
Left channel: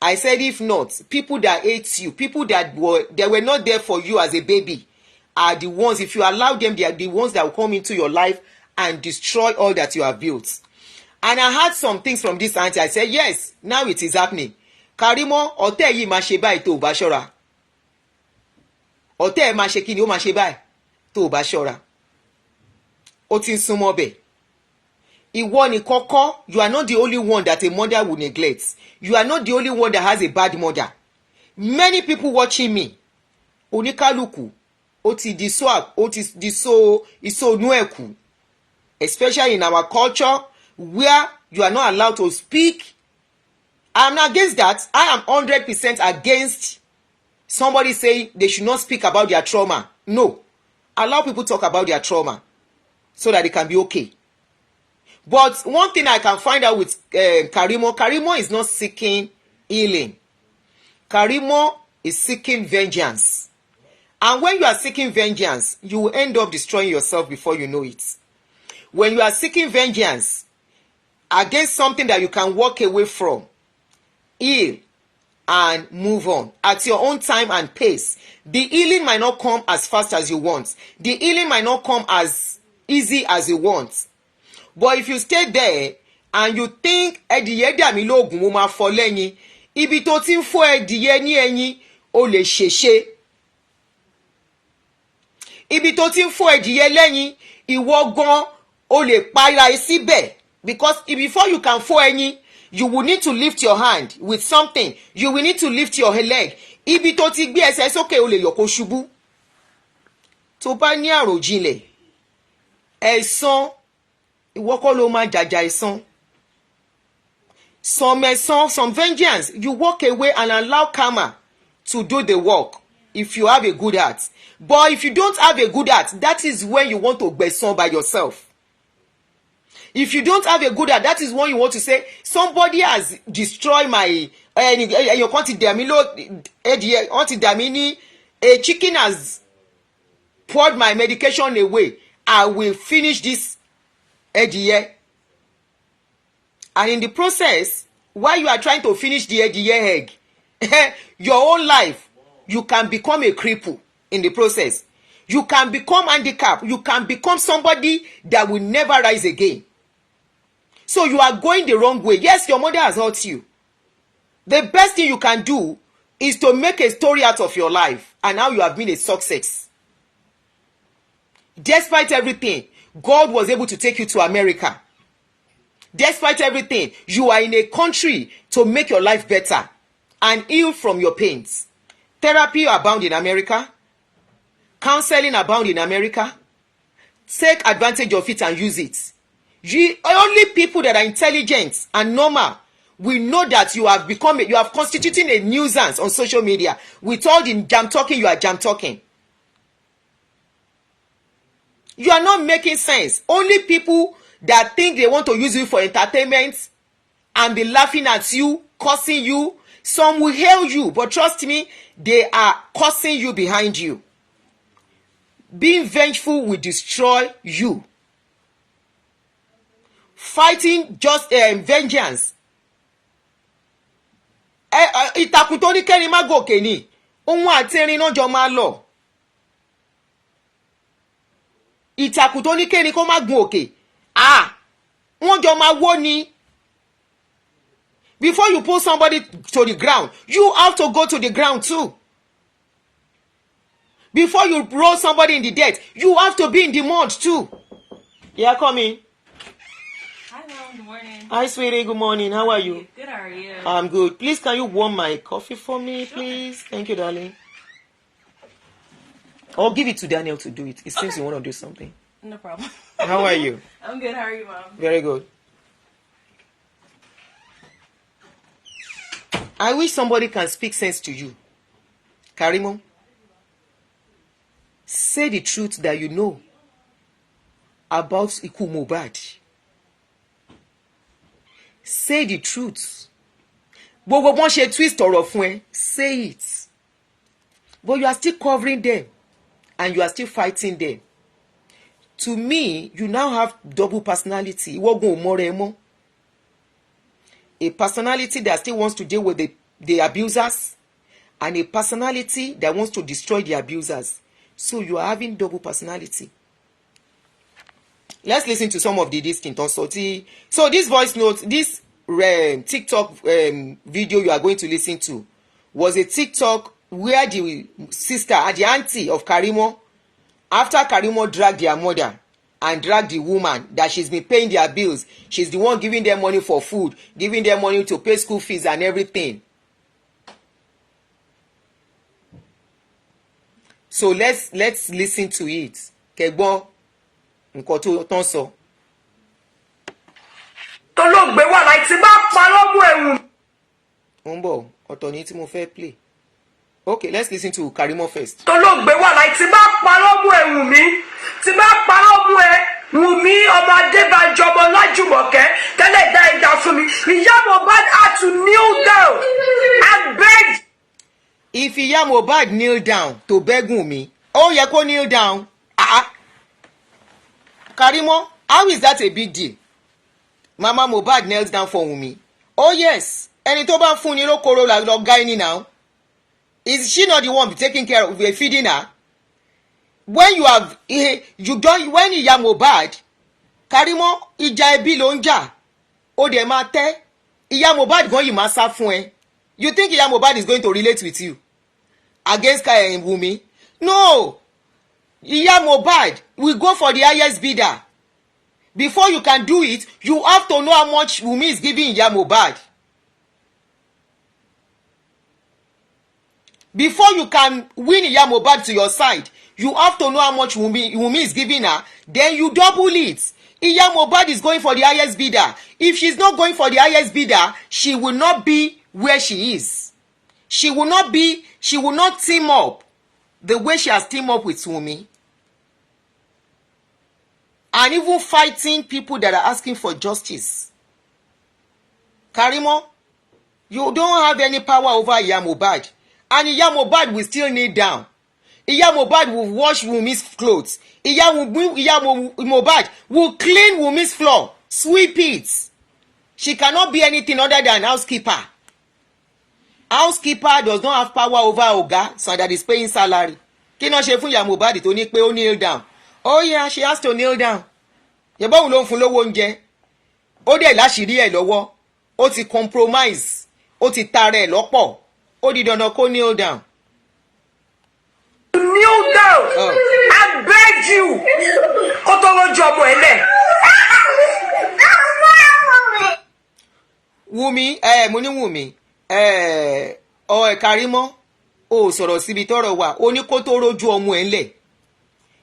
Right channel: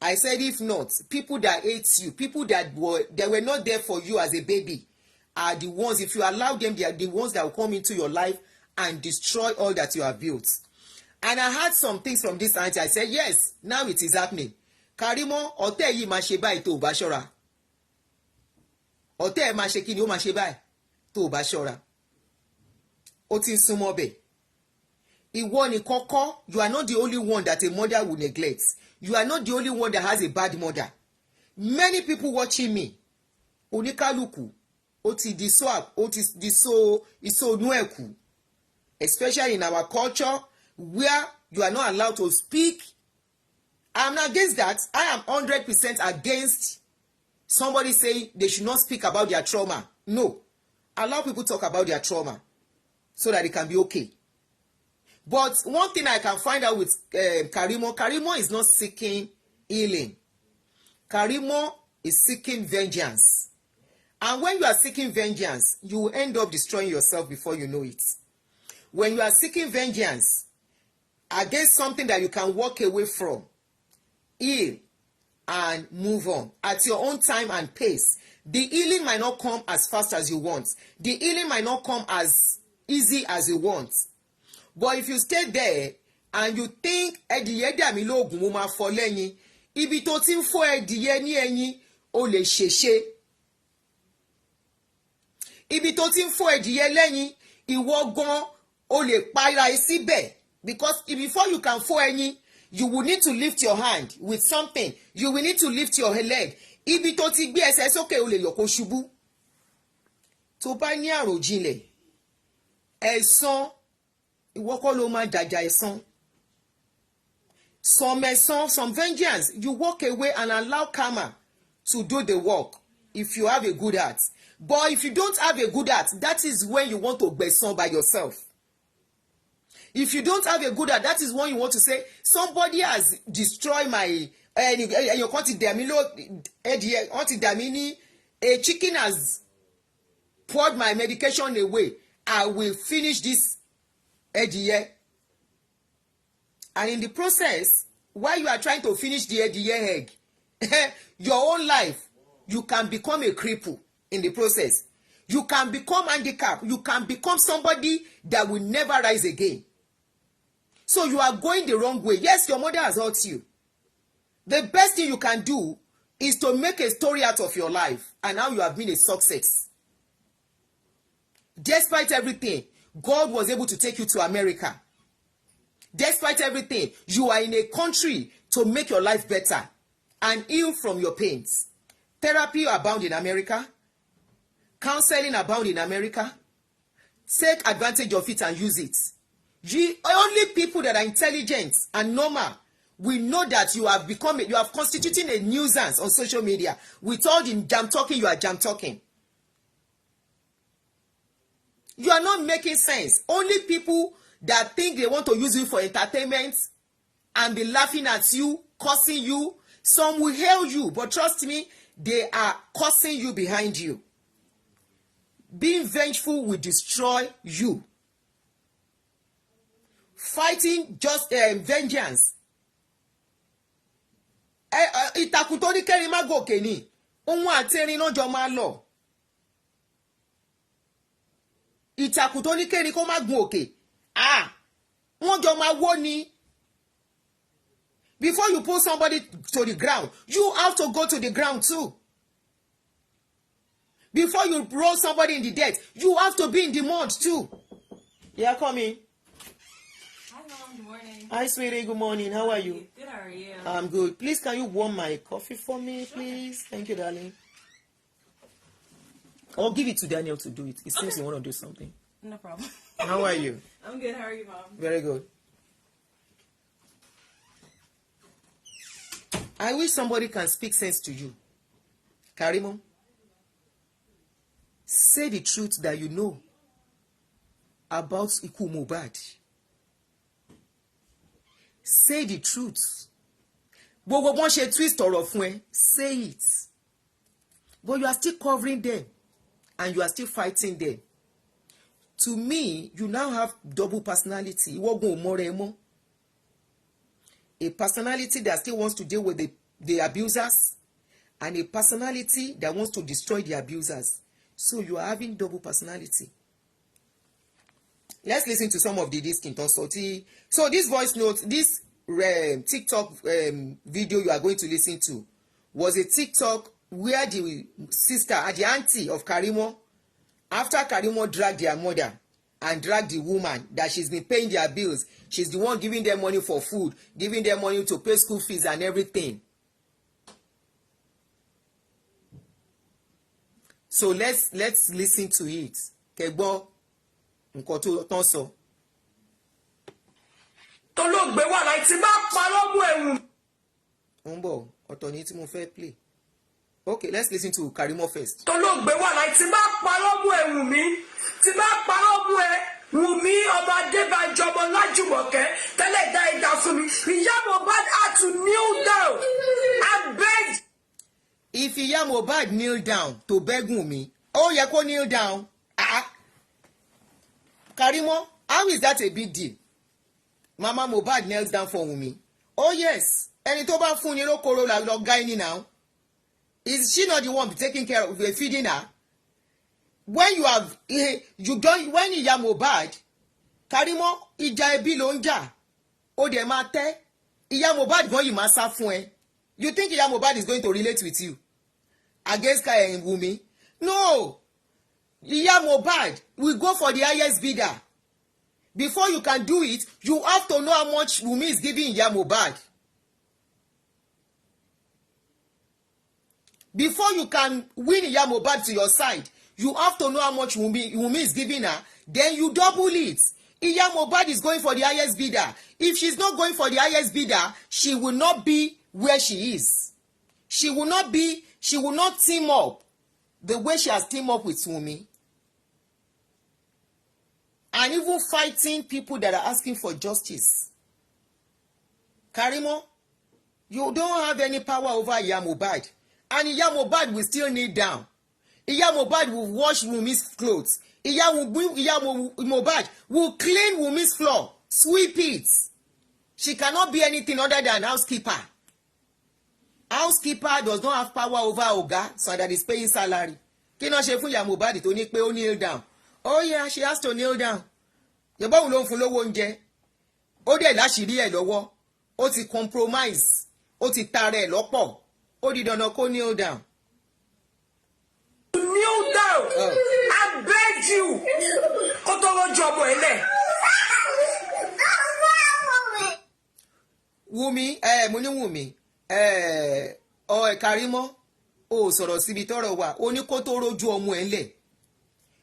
I said, if not, people that hate you, people that were not there for you as a baby, are the ones, if you allow them, they are the ones that will come into your life and destroy all that you have built. And I heard some things from this auntie. I said, yes, now it is happening. Karimo, ọ̀tẹ̀ yìí máa ṣe báyìí tó bá ṣọ́ra. Ọ̀tẹ̀ máa ṣe kíni ó máa ṣe báyìí tó bá ṣọ́ra. Ó ti ń súnmọ́ bẹ̀. Ìwọ ni kọ́kọ́, you are not the only one that a mother will neglect. You are not the only one that has a bad mother. Many people watching me, oníkálùkù, ó ti di swag, ó ti di so inú ẹ̀kú. Especially in our culture, where you are not allowed to speak. I'm against that. I am 100% against somebody saying they should not speak about their trauma. No. Allow people to talk about their trauma so that they can be okay. But one thing I can find out with Karimo is not seeking healing. Karimo is seeking vengeance. And when you are seeking vengeance, you will end up destroying yourself before you know it. When you are seeking vengeance against something that you can walk away from, heal and move on at your own time and pace. The healing might not come as fast as you want. The healing might not come as easy as you want. But if you stay there and you think ẹdìyẹ dà mí lóògùn mo máa fọ́ lẹ́yìn, ibi tó ti ń fọ́ ẹdìyẹ ní ẹ̀yìn ó lè ṣèṣe. Ibi tó ti ń fọ́ ẹdìyẹ lẹ́yìn ìwọ gan ó lè para ẹ síbẹ̀, because before you can fọ́ ẹ̀yìn, you will need to lift your hand with something. You will need to lift your leg. Ibi tó ti gbé ẹsẹ̀ sókè ó lè yọ̀ kó ṣubú. Tó bá ní àròjinlẹ̀, ẹ̀san ìwọ kọ́ ló máa jàjà ẹ̀san. Some ẹ̀san, some vengeance, you walk away and allow karma to do the work if you have a good heart. But if you don't have a good heart, that is when you want to gbẹ̀san by yourself. If you don't have a good heart, that is when you want to say, somebody has destroyed my... A chicken has poured my medication away. I will finish this ediye. And in the process, while you are trying to finish the ediye egg, your own life, you can become a cripple in the process. You can become handicapped. You can become somebody that will never rise again. So you are going the wrong way. Yes, your mother has hurt you. The best thing you can do is to make a story out of your life. And now you have been a success. Despite everything, God was able to take you to America. Despite everything, you are in a country to make your life better and heal from your pains. Therapy abound in America. Counseling abound in America. Take advantage of it and use it. Only people that are intelligent and normal will know that you have constituted a nuisance on social media. With all the jam talking, you are jam talking. You are not making sense. Only people that think they want to use you for entertainment and be laughing at you, cursing you, some will hail you, but trust me, they are cursing you behind you. Being vengeful will destroy you. Fighting just vengeance. Ìtàkùn tó ní kẹ́rin má gòkè ni. Òun àti erin náà jọ máa lọ. Ìtàkùn tó ní kẹ́rin kó má gun òkè. Wọ́n jọ máa wó ni. Before you pull somebody to the ground, you have to go to the ground too. Before you roll somebody in the dirt, you have to be in the mud too. Yeah, come in. Hi, Mom. Good morning. Hi, sweetie. Good morning. How are you? Good. How are you? I'm good. Please, can you warm my coffee for me, please? Thank you, darling. Or give it to Daniel to do it. It seems you want to do something. No problem. How are you? I'm good. How are you, Mom? Very good. I wish somebody can speak sense to you. Karimo, say the truth that you know about Iku Mohbad. Say the truth. Gbogbo wọn ṣe twist ọ̀rọ̀ fún ẹ, say it. But you are still covering them and you are still fighting them. To me, you now have double personality. Ìwọ gan ò mọ̀ rẹ mọ́. A personality that still wants to deal with the abusers and a personality that wants to destroy the abusers. So you are having double personality. Let's listen to some of the distinct also. So this voice note, this TikTok video you are going to listen to was a TikTok where the sister, the auntie of Karimo, after Karimo dragged their mother and dragged the woman that she's been paying their bills, she's the one giving them money for food, giving them money to pay school fees and everything. So let's listen to it. Kẹgbọ́n nǹkan tó tán sọ. tó ló gbé wà láì tí bá pa lọ́mú ẹ̀wù. Ó ń bọ̀ ọ̀tọ̀ ní tí mo fẹ́ play. Okay, let's listen to Karimo first. tó ló gbé wà láì tí bá pa lọ́mú ẹ̀wù mi tí bá pa lọ́mú ẹ̀ wù mí ọmọ Adébánjọ ọmọ Lájùmọ̀kẹ́ tẹ́lẹ̀ dá ẹja fún mi. Ìyá Mohbad had to kneel down and beg. If Ìyá Mohbad kneel down to beg Wunmi, ó yẹ kó kneel down. Karimo, how is that a big deal? Mama Mohbad kneels down for Wunmi. Oh yes, ẹni tó bá fún ni lókòrò lọ ga ẹni now. Is she not the one taking care of feeding her? When you have when Ìyá Mohbad, Karimo, ìjà ẹbí ló ń jà. Ó dẹ̀ máa tẹ́. Ìyá Mohbad gan yìí máa sá fún ẹ. You think Ìyá Mohbad is going to relate with you against Wunmi? No. Ìyá Mohbad will go for the highest bidder. Before you can do it, you have to know how much Wunmi is giving Ìyá Mohbad. Before you can win Ìyá Mohbad to your side, you have to know how much Wunmi is giving her. Then you double it. Ìyá Mohbad is going for the highest bidder. If she's not going for the highest bidder, she will not be where she is. She will not team up the way she has teamed up with Wunmi. And even fighting people that are asking for justice. Karimo, you don't have any power over Ìyá Mohbad. And Ìyá Mohbad will still kneel down. Ìyá Mohbad will wash Wunmi's clothes. Ìyá Mohbad will clean Wunmi's floor, sweep it. She cannot be anything other than housekeeper. Housekeeper does not have power over Oga, so that is paying salary. Kí ló ṣe fún Ìyá Mohbad tó ní pé ó kneel down? Oh yeah, she has to kneel down. Yẹ̀bọ́ òun ló ń fún lówó oúnjẹ. Ó dẹ̀ láṣìírí ẹ̀ lọ́wọ́. Ó ti compromise. Ó ti tara ẹ̀ lọ́pọ̀. Ó di dandan kó kneel down. Kneel down. I beg you. Kó tó lójú ọmọ ẹ̀ lẹ̀. Wunmi, mo ní Wunmi. Karimo, ó sọ̀rọ̀ síbi tọ́rọ̀ wà. Ó ní kó tó rójú ọmọ ẹ̀ lẹ̀.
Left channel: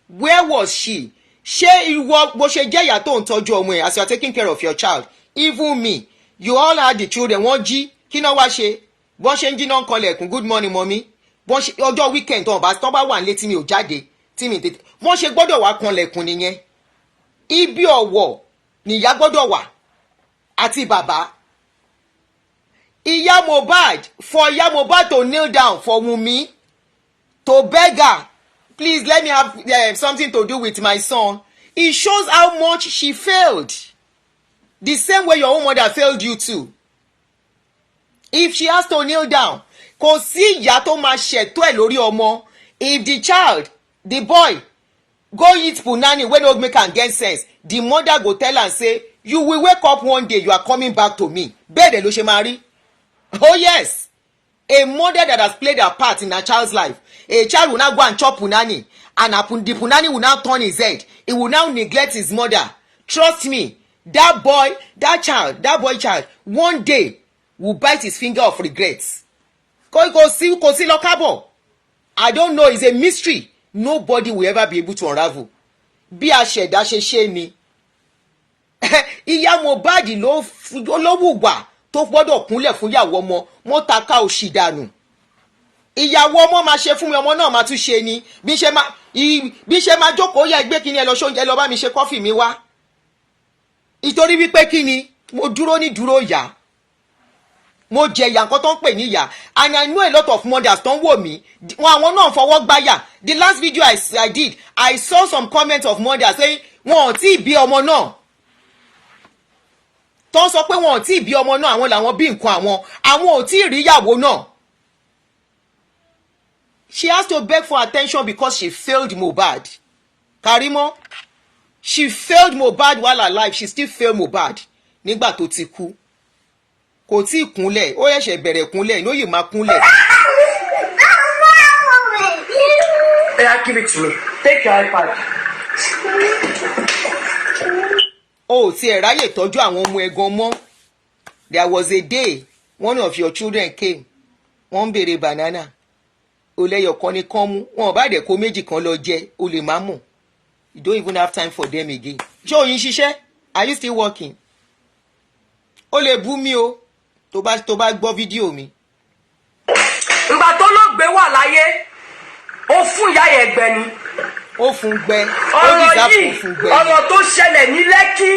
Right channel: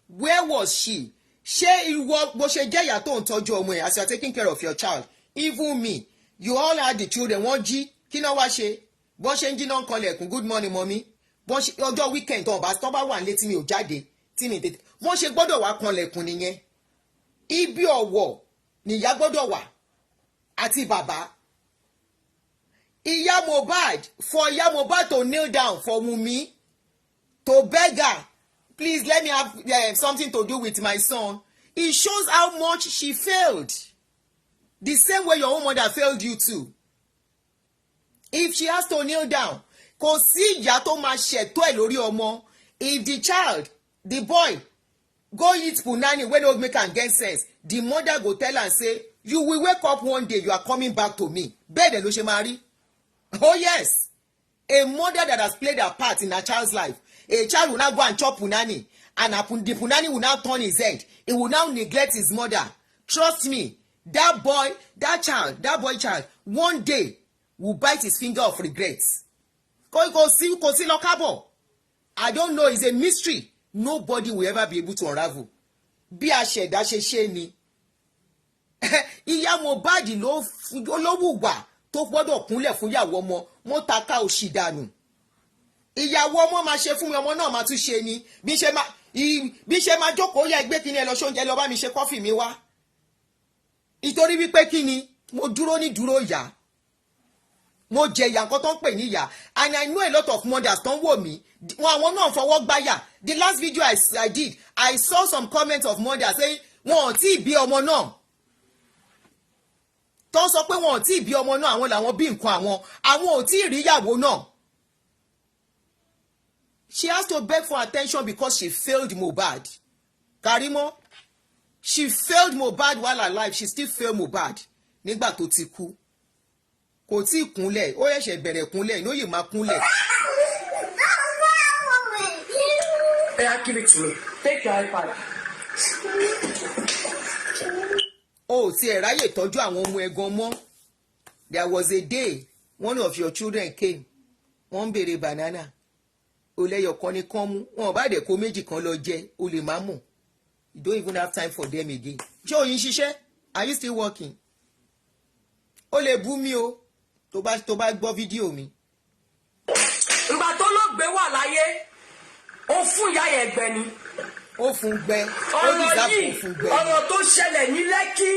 Where was she? Ṣé ìwọ bó ṣe jẹ́ ìyá tó ń tọ́jú ọmọ ẹ̀ as you are taking care of your child? Even me, you all had the children. Wọ́n jí kí náà wá ṣe? Bọ́n ṣe ń jí náà ń kanlẹ̀kùn good morning mommy. Bọ́n ṣe ọjọ́ weekend tó bá wà nílé tí mi ò jáde tí mi tètè. Bọ́n ṣe gbọ́dọ̀ wá kanlẹ̀kùn nìyẹn. Ibi ọ̀wọ̀ nìyá gbọ́dọ̀ wà àti bàbá. Ìyá Mohbad, for Ìyá Mohbad to kneel down for Wunmi to beg her, please let me have something to do with my son. It shows how much she failed. The same way your own mother failed you too. If she has to kneel down, kò sí ìyá tó máa ṣètò ẹ̀ lórí ọmọ. If the child, the boy, go eat punani wey no make am get sense, the mother go tell am say, you will wake up one day, you are coming back to me. Bẹ́ẹ̀ dẹ̀ ló ṣe máa rí. Oh yes, a mother that has played a part in a child's life. A child will now go and chop punani, and the punani will now turn his head. He will now neglect his mother. Trust me, that boy child, one day will bite his finger of regrets. Kò sí lọ kábọ̀. I don't know, it's a mystery. Nobody will ever be able to unravel. Bí a ṣẹ̀dá ṣe ṣe ni. Ìyá Mohbad ló wùwà tó gbọ́dọ̀ kúnlẹ̀ fún ìyàwó ọmọ. mo tàka òṣì dànù. Ìyàwó ọmọ máa ṣe fún mi, ọmọ náà máa tún ṣe ni. Bí ṣe máa jókòó yẹ gbé kíni ẹ lọ ṣóúnjẹ lọ bá mi ṣe kọ́fì mi wá. Ìtorí wípé kíni mo dúró ní dúró ìyá. Mo jẹ ìyà nǹkan tó ń pè ní ìyà. And I know a lot of mothers tó ń wò mí. Àwọn náà fọwọ́ gbáyà. The last video I did, I saw some comments of mothers saying wọn ò tí ì bí ọmọ náà. Tó ń sọ pé wọn ò tí ì bí ọmọ náà, àwọn làwọn bí nǹkan àwọn ò tí ì rí ìyàwó náà. She has to beg for attention because she failed Mohbad. Karimo, she failed Mohbad while alive. She still failed Mohbad nígbà tó ti kú. Kò tí ì kúnlẹ̀, ó yẹ̀ṣẹ̀ bẹ̀rẹ̀ kúnlẹ̀, ló yìí máa kúnlẹ̀. Yeah, give it to me. Take your iPad. O ò tiẹ̀ ráyè tọ́jú àwọn ọmọ ẹ̀gan mọ́. There was a day one of your children came. Wọ́n ń béèrè banana. Olẹ́yọ̀kan ni kán mú. Wọn ò bá dẹ̀ kó méjì kan lọ jẹ, o lè má mọ̀. You don't even have time for them again. Ṣé oyin ṣiṣẹ́? Are you still working? O lè bú mi o tó bá gbọ́ fídíò mi. Ìgbà tó ló gbé wà láyé, ó fún ìyá yẹn gbẹ ni. Ó fún gbẹ. Ọ̀rọ̀ yìí, ọ̀rọ̀ tó ṣẹlẹ̀ ní Lẹ́kí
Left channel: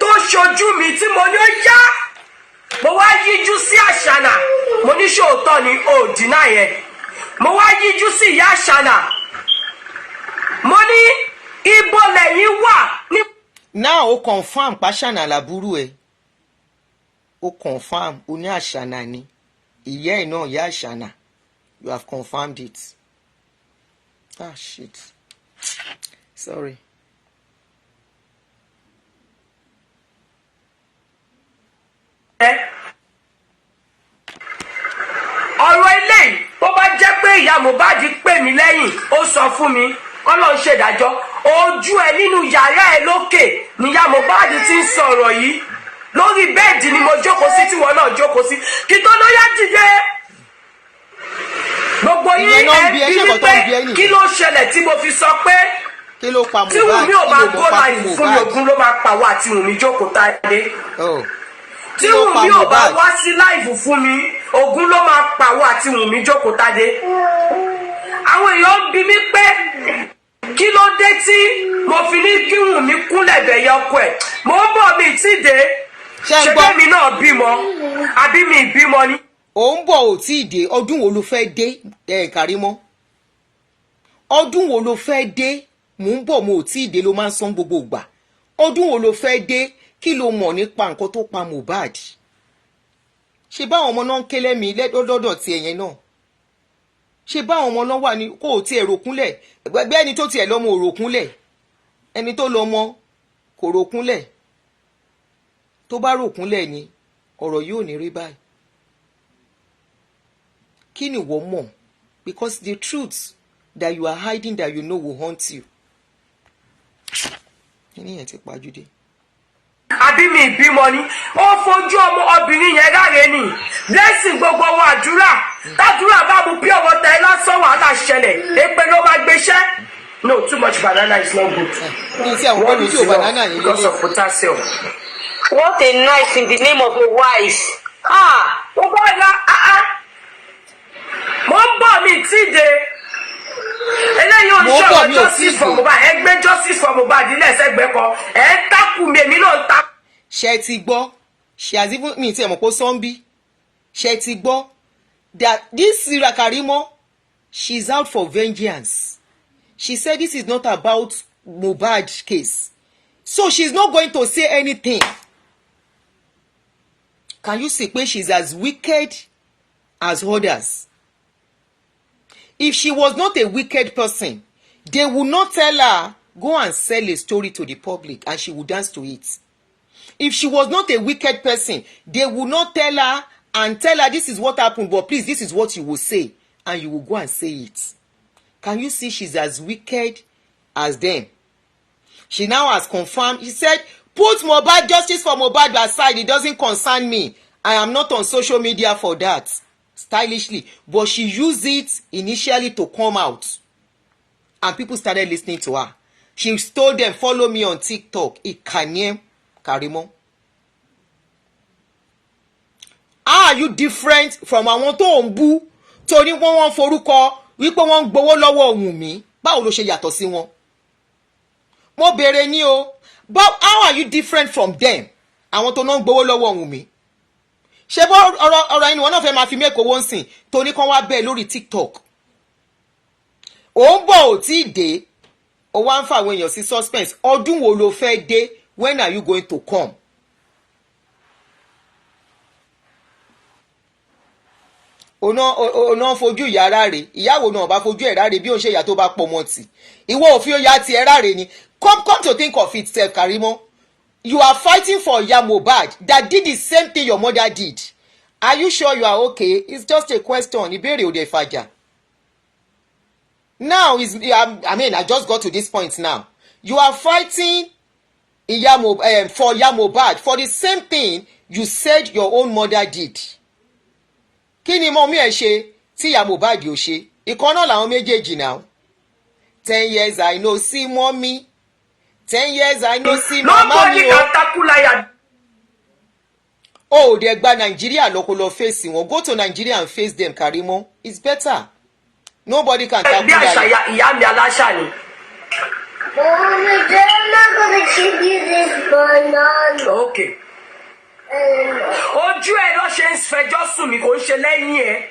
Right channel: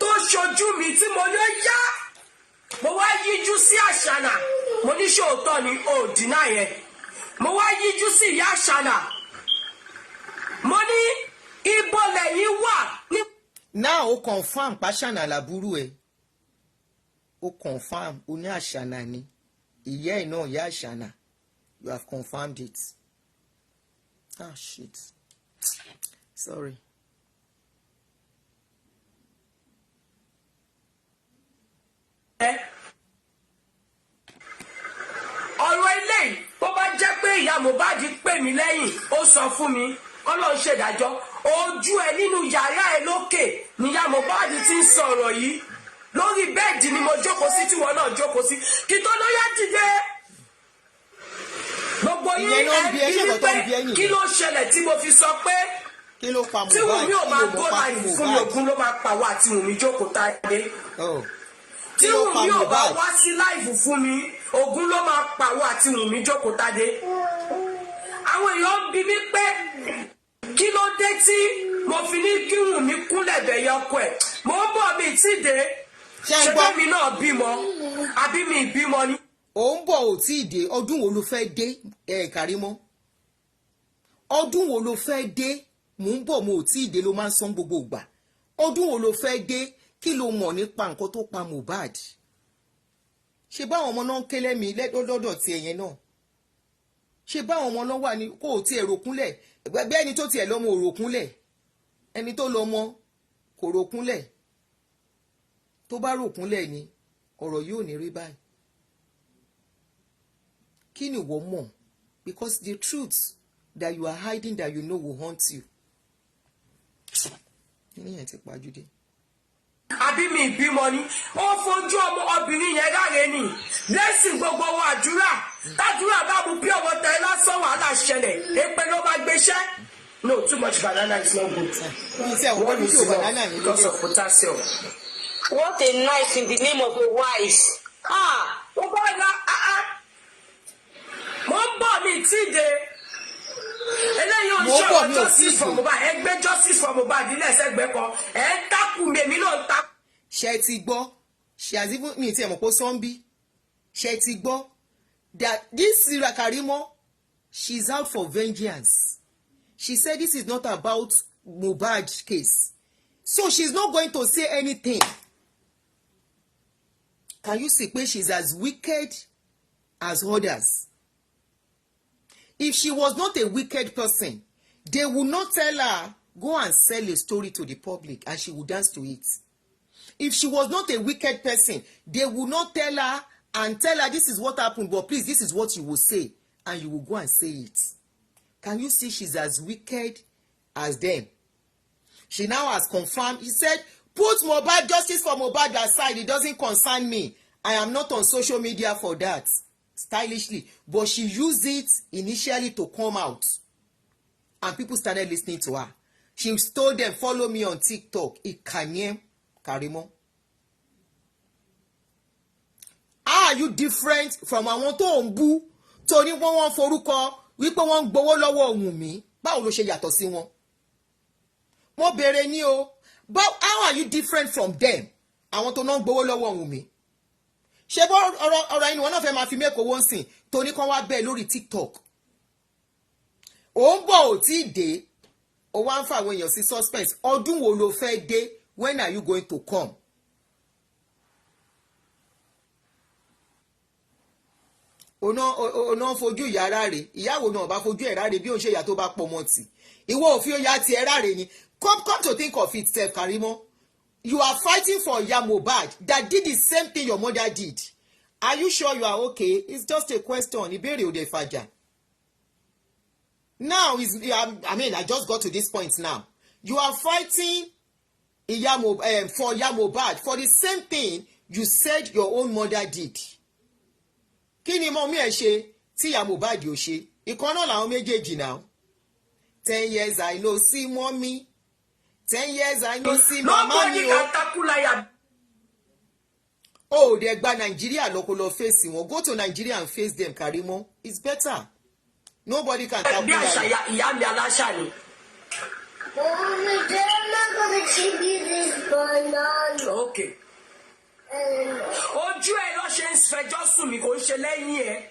tó ṣojú mi tí mo ní ó yá. Mo wá yíjú sí Àṣànà. Mo ní ṣòótọ́ ni ó dínà yẹn. Mo wá yíjú sí ìyá Àṣànà. Mo ní ibo lẹ́yìn wà ní. Now o confirm pàṣànà làbúrú ẹ. O confirm o ní Àṣànà ni. Ìyá ẹ̀ náà ìyá Àṣànà. You have confirmed it. Ah shit. Sorry. Ọ̀rọ̀ eléyìí tó bá jẹ́ pé ìyá Mohbad pè mí lẹ́yìn ó sọ fún mi Ọlọ́run ṣèdájọ́ ojú ẹ nínú yàrá ẹ lókè ni ìyá Mohbad ti ń sọ̀rọ̀ yìí lórí bẹ́ẹ̀dì ni mo jókòó sí tí wọn náà jókòó sí kí tó lóyá dìde gbogbo yín ẹ bí wípé kí ló ṣẹlẹ̀ tí mo fi sọ pé tí Wùmí ò bá gbó láì fún mi Ògún ló máa pàwọ́ àti Wùmí jókòó táyé tí Wùmí ò bá wá sí láìfù fún mi Ògún ló máa pàwọ́ àti Wùmí jókòó táyé àwọn èèyàn bí mi pé kí ló dé tí mo fi ní kí Wùmí kúnlẹ̀ bẹ̀yẹ ọkọ ẹ̀ mo ń bọ̀ mi tí dé ṣé bẹ́mi náà bímọ àbí mi bímọ ni. Ò ń bọ̀ ò tí ì dé ọdún wo ló fẹ́ dé Karimo ọdún wo ló fẹ́ dé mò ń bọ̀ mo ò tí ì dé ló máa ń san gbogbo ìgbà ọdún wo ló fẹ́ dé kí ló mọ̀ nípa nǹkan tó pa Mohbad ṣe báwọn ọmọ náà ń ké lẹ́mìí lọ́dọ̀ ti ẹ̀yẹn náà ṣe báwọn ọmọ náà wà ní kó o tiẹ̀ ròkúnlẹ̀ gbẹgbẹ́ ẹni tó tiẹ̀ lọ́mọ ò ròkúnlẹ̀ ẹni tó lọ́mọ kò ròkúnlẹ̀ tó bá ròkúnlẹ̀ ni ọ̀rọ̀ yóò ní rí báyìí kí ni wọ́n mọ̀ because the truth that you are hiding that you know will haunt you kíni yẹn ti pàjùdé. àbí mi ìbímọ ni ó fojú ọmọ obìnrin yẹn ráre ni blessing gbogbo wọn àdúrà tàdúrà bá mu pure water ẹ lásán wàhálà ṣẹlẹ̀ èpè ló máa gbéṣẹ́. No, too much banana is not good. What is wrong? Because of potassium. What a knife in the name of a wife. Mo bá ya mo ń bọ̀ mi tí de eléyìí ò ń ṣọ̀rọ̀ justice for Mohbad ẹgbẹ́ justice for Mohbad ilé ẹ̀sẹ̀gbẹ́ kan ẹ̀ ń takù mi èmi náà ń takù. Ṣé ti gbọ́ ṣe àti fún mi tí ẹ mọ̀ pé sọ́ńbí ṣé ti gbọ́ that this Sira Karimo she's out for vengeance. She said this is not about Mohbad case. So she's not going to say anything. Can you see pé she's as wicked as others? If she was not a wicked person, they would not tell her, go and sell a story to the public and she would dance to it. If she was not a wicked person, they would not tell her and tell her this is what happened, but please, this is what you will say. And you will go and say it. Can you see she's as wicked as them? She now has confirmed. She said, put Mohbad justice for Mohbad aside. It doesn't concern me. I am not on social media for that. Stylishly. But she used it initially to come out. And people started listening to her. She told them, follow me on TikTok. Karimo. are you different from àwọn tó ń bú torí wọ́n forúkọ wípé wọ́n ń gbowó lọ́wọ́ Wùnmí? Báwo ló ṣe yàtọ̀ sí wọn? Mo béèrè ní o, but how are you different from them? Àwọn tó náà ń gbowó lọ́wọ́ Wùnmí. Ṣé bọ́ ọ̀rọ̀ inú wọn náà fẹ́ máa fi mẹ́kọ̀ọ́ owó ń sìn torí kan wá bẹ́ẹ̀ lórí TikTok? Ó ń bọ̀ ò tí ì dé, ó wá ń fa àwọn èèyàn sí suspense. Ọdún wo ló fẹ́ dé? When are you going to come? Ọ̀nà fojú ìyá ráre, ìyàwó náà bá fojú ẹ̀ ráre bí ó ń ṣe ìyá tó bá pọ̀ mọ́ tì. Ìwọ òfin ó yá tiẹ̀ ráre ni. Come to think of it, sef, Karimo. You are fighting for Iya Mohbad that did the same thing your mother did. Are you sure you are okay? It's just a question. Ìbéèrè ò dé fàjà. Now, I just got to this point now. You are fighting for Iya Mohbad for the same thing you said your own mother did. Kí ni mọ́mí ẹ̀ ṣe tí Iya Mohbad ò ṣe? Ìkan náà làwọn méjèèjì now. 10 years I no see mommy. 10 years I no see mama mi o. Nobody can tackle liar. Oh, they gba Nigeria lọ face wọn. Go to Nigeria and face them, Karimo. It's better. Nobody can tackle Bí àṣà liar. ìyá mi aláṣà ni. Mommy, they're not gonna give you this banana. Okay. Ojú ẹ lọ ṣe ń fẹjọ́ sùn mí kò ń ṣe lẹ́yìn ẹ.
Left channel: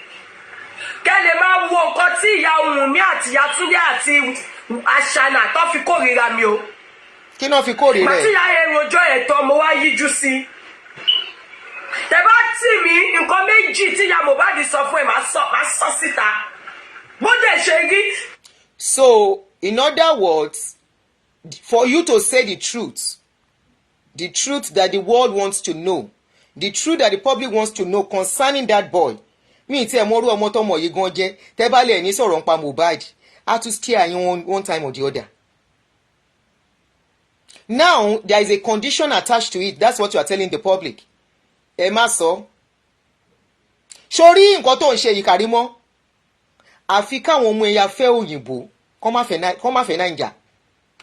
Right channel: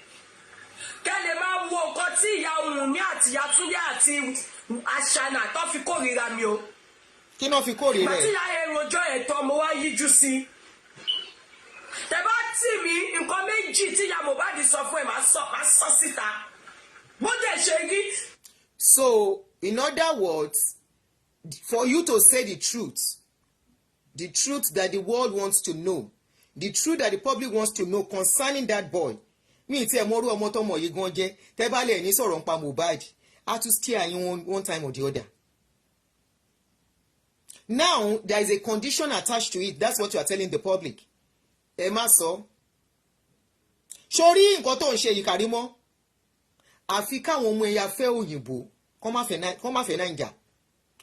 Kẹ́ lè máa wo nǹkan tí ìyá Wùnmí àti ìyá Túndé àti Àṣànà tó fi kórìíra mi o. Kí náà fi kórìíra Màtí ẹ̀? ìyá yẹn rojọ́ ẹ̀tọ́ mo wá yíjú sí. Tẹ bá tì mí nǹkan méjì tí ìyá Mohbad sọ fún ẹ máa sọ síta. Bó dẹ̀ ṣe rí. So, in other words, for you to say the truth that the world wants to know, the truth that the public wants to know concerning that boy, mi tí ẹ mọ́rú ọmọ tọmọ yìí gan jẹ́, tẹ́ bá lè ní sọ̀rọ̀ nípa Mohbad, á tún scare yín one time or the other. Now, there is a condition attached to it. That's what you are telling the public. Ẹ má sọ. Sórí nǹkan tó ń ṣe yìí, Karimo, àfi káwọn ọmọ ẹ̀yà fẹ́ òyìnbó, kọ́ má fẹ́ Naija,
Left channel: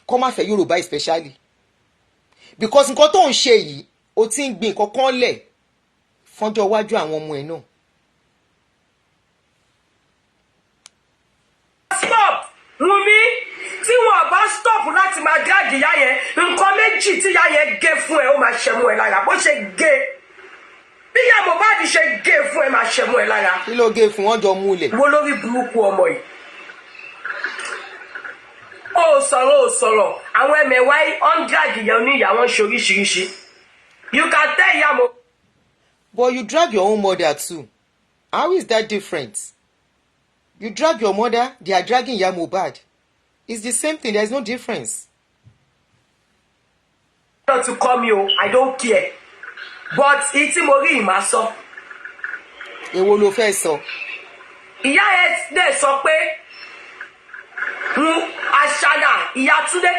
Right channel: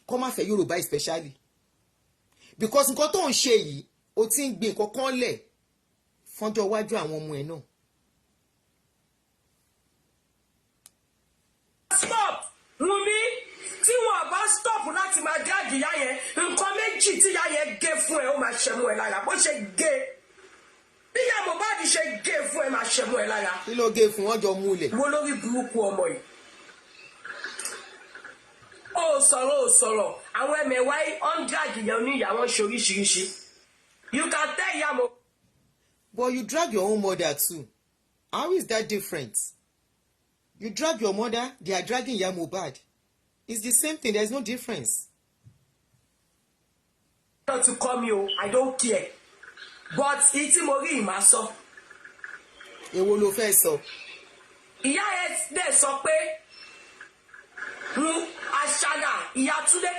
kọ́ má fẹ́ Yorùbá especially. Because nǹkan tó ń ṣe yìí, ó ti ń gbin nǹkan kan lẹ̀ fọ́jọ́ iwájú àwọn ọmọ ẹ̀ náà. Stop! Wùnmí, tí wọn bá stop láti máa drag ìyá yẹn, nǹkan méjì tí ìyá yẹn gé fún ẹ ó máa ṣẹmú ẹ lára. Bó ṣe gé. Bí ìyá Mohbad ṣe gé fún ẹ máa ṣẹmú ẹ lára. Kí ló gé fún wọn jọ múlẹ̀? Wo lórí burúkú ọmọ yìí? Ó sọ̀rọ̀. Àwọn ẹ̀mẹ̀wá on drag ìyá oníyà wọn ṣe oríṣiríṣi. You can tell ìyá Mohbad. But you drag your own mother too. How is that different? You drag your mother, they are dragging Iya Mohbad. It's the same thing, there's no difference. Not to call me, I don't care. But ìtí mo rí ìmá sọ. Èwo ló fẹ́ sọ? Ìyá ẹ dẹ̀ sọ pé Àṣànà ìyá Túndé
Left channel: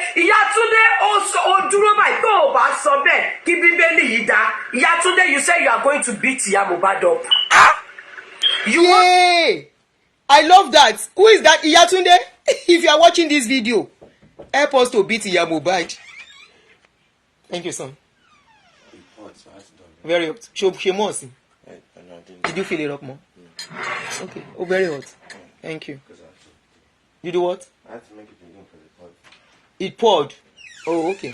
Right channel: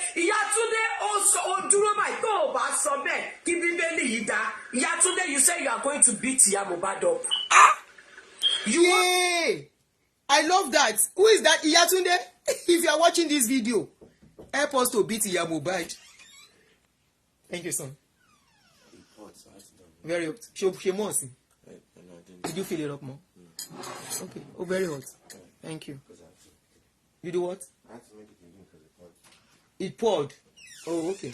ó dúró báyìí tó o bá sọ bẹ́ẹ̀ kí Bíbélì yìí dá. Ìyá Túndé, you say you are going to beat Iya Mohbad up. Yay! I love that. Who is that? Iya Tunde? If you are watching this video, help us to beat Iya Mohbad. Thank you, son. Very hot. She must. Did you fill it up more? Okay. Oh, very hot. Thank you. You do what? I had to make it again because It poured. Oh, okay.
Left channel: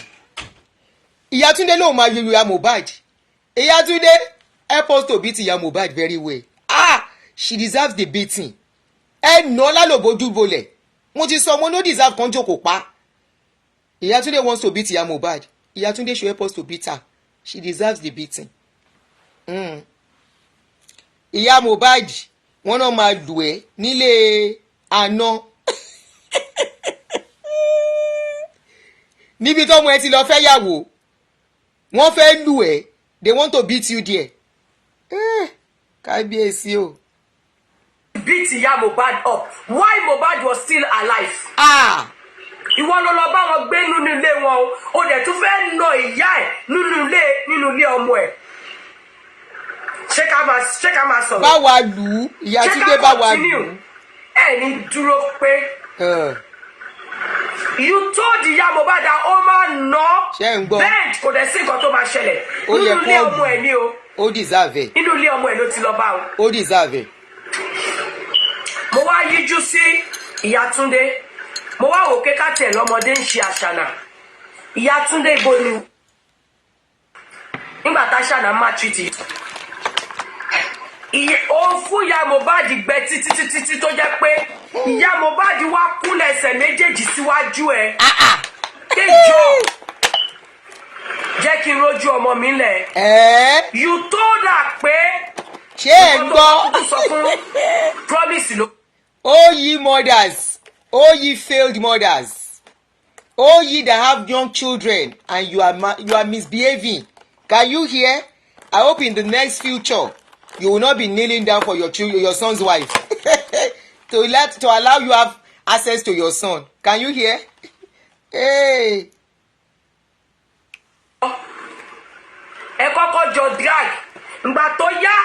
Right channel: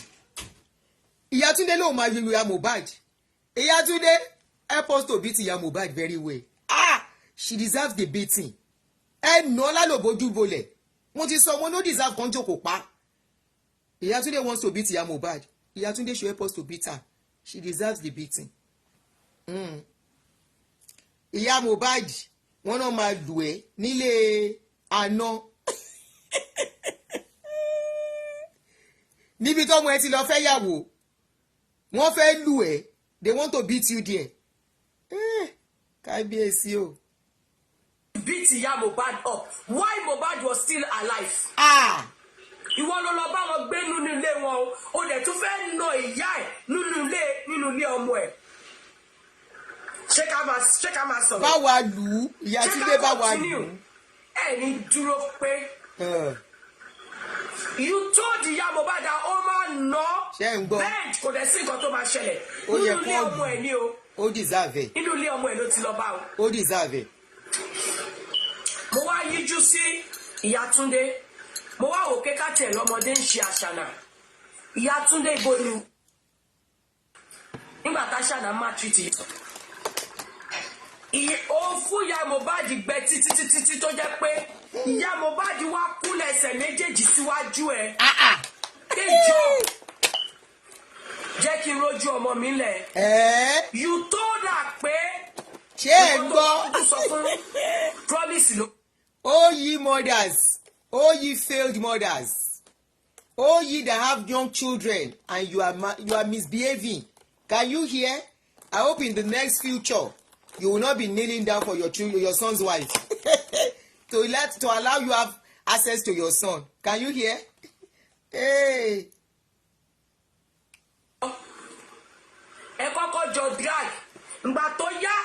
Iya Tunde ló máa yọ Iya Mohbad. Iya Tunde, help us to beat Iya Mohbad very well. She deserves the beating. Nà lálòbójú bolẹ̀. Mo ti sọ mo no deserve kan jókòó pa. Iya Tunde wants to beat Iya Mohbad. Iya Tunde should help us to beat her. She deserves the beating. Iya Mohbad, wọ́n náà máa lù ẹ́ nílé àná. Níbi tọ́mọ ẹ ti lọ fẹ́ yàwó. Wọ́n fẹ́ lù ẹ́. They want to beat you there. Kábíyèsí o. Beat Iya Mohbad up. Why Mohbad was still alive? Ìwọ ló lọ bá wọn gbé nínú ilé wọn o dẹ̀ tún fẹ́ nà ìyá ẹ̀ nínú ilé ọmọ ẹ̀. Ṣé ká máa sọ̀rọ̀? Bá wa lù ú, Ìyá Túndé bá wa lù ú. Ẹ ní dúró pé. You told Iya Mohbad that ó máa nà. Ṣé ń gbọ́? Bẹ́ẹ̀ kò dẹ̀ sí nǹkan tó máa ṣẹlẹ̀. Ó yẹ Nínú ilé kó ọmọ ẹ̀ ni o. ó deserve ẹ̀. Inú ilé ọmọ ẹ̀ ló ti lọ bá o. Ó deserve ẹ̀. Mo wá yíjú sí ìyá Túndé. Mo wá wò kéka tẹ̀ lọ́mọdé ń ṣe àṣànà. Ìyá Túndé ibo ni. Nígbà tá àṣànà má treat. Ó fún ìyá Mohbad gbẹ títí tó jẹ́ pé ìyá Mohbad wá kúnlẹ̀ ẹsẹ̀ méjèèjì síwájú ẹ̀. Kéjọ jẹ́ kí n rójú ọmọ mi lẹ̀. You told her pé ṣé ẹ gbọ́? ọkọ̀ sọ fún promise ló. All ye mothers, all ye failed mothers, all ye that have young children and you are misbehaving. Can you hear? I hope in the next future you will not be kneeling down for your son's wife to allow you have access to your son. Can you hear? Hey. Ẹ kọ́kọ́ jọ drag ìgbà tó yá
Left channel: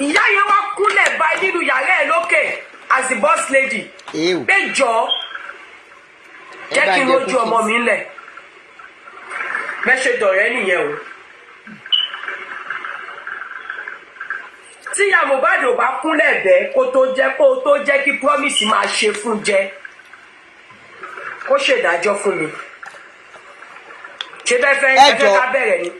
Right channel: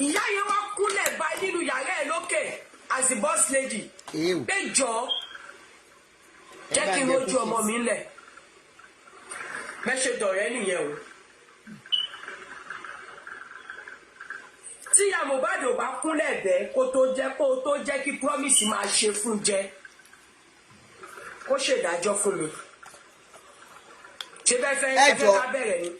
ìyá yẹn wá kúnlẹ̀ báyìí nínú yàrá ẹ̀ lókè as the boss lady. Pé jọ jẹ́ kí n rójú ọmọ mi lẹ̀. Mẹ́ṣẹ̀ dọ̀rẹ́ nìyẹn o. Tí ìyá Mohbad ò bá kúnlẹ̀ bẹ́ẹ̀ kó tó jẹ́ kí promise máa ṣe fún jẹ. Kó ṣèdájọ́ fún mi. Ṣé bẹ́ẹ̀ fẹ́ ká bẹ̀rẹ̀ ni?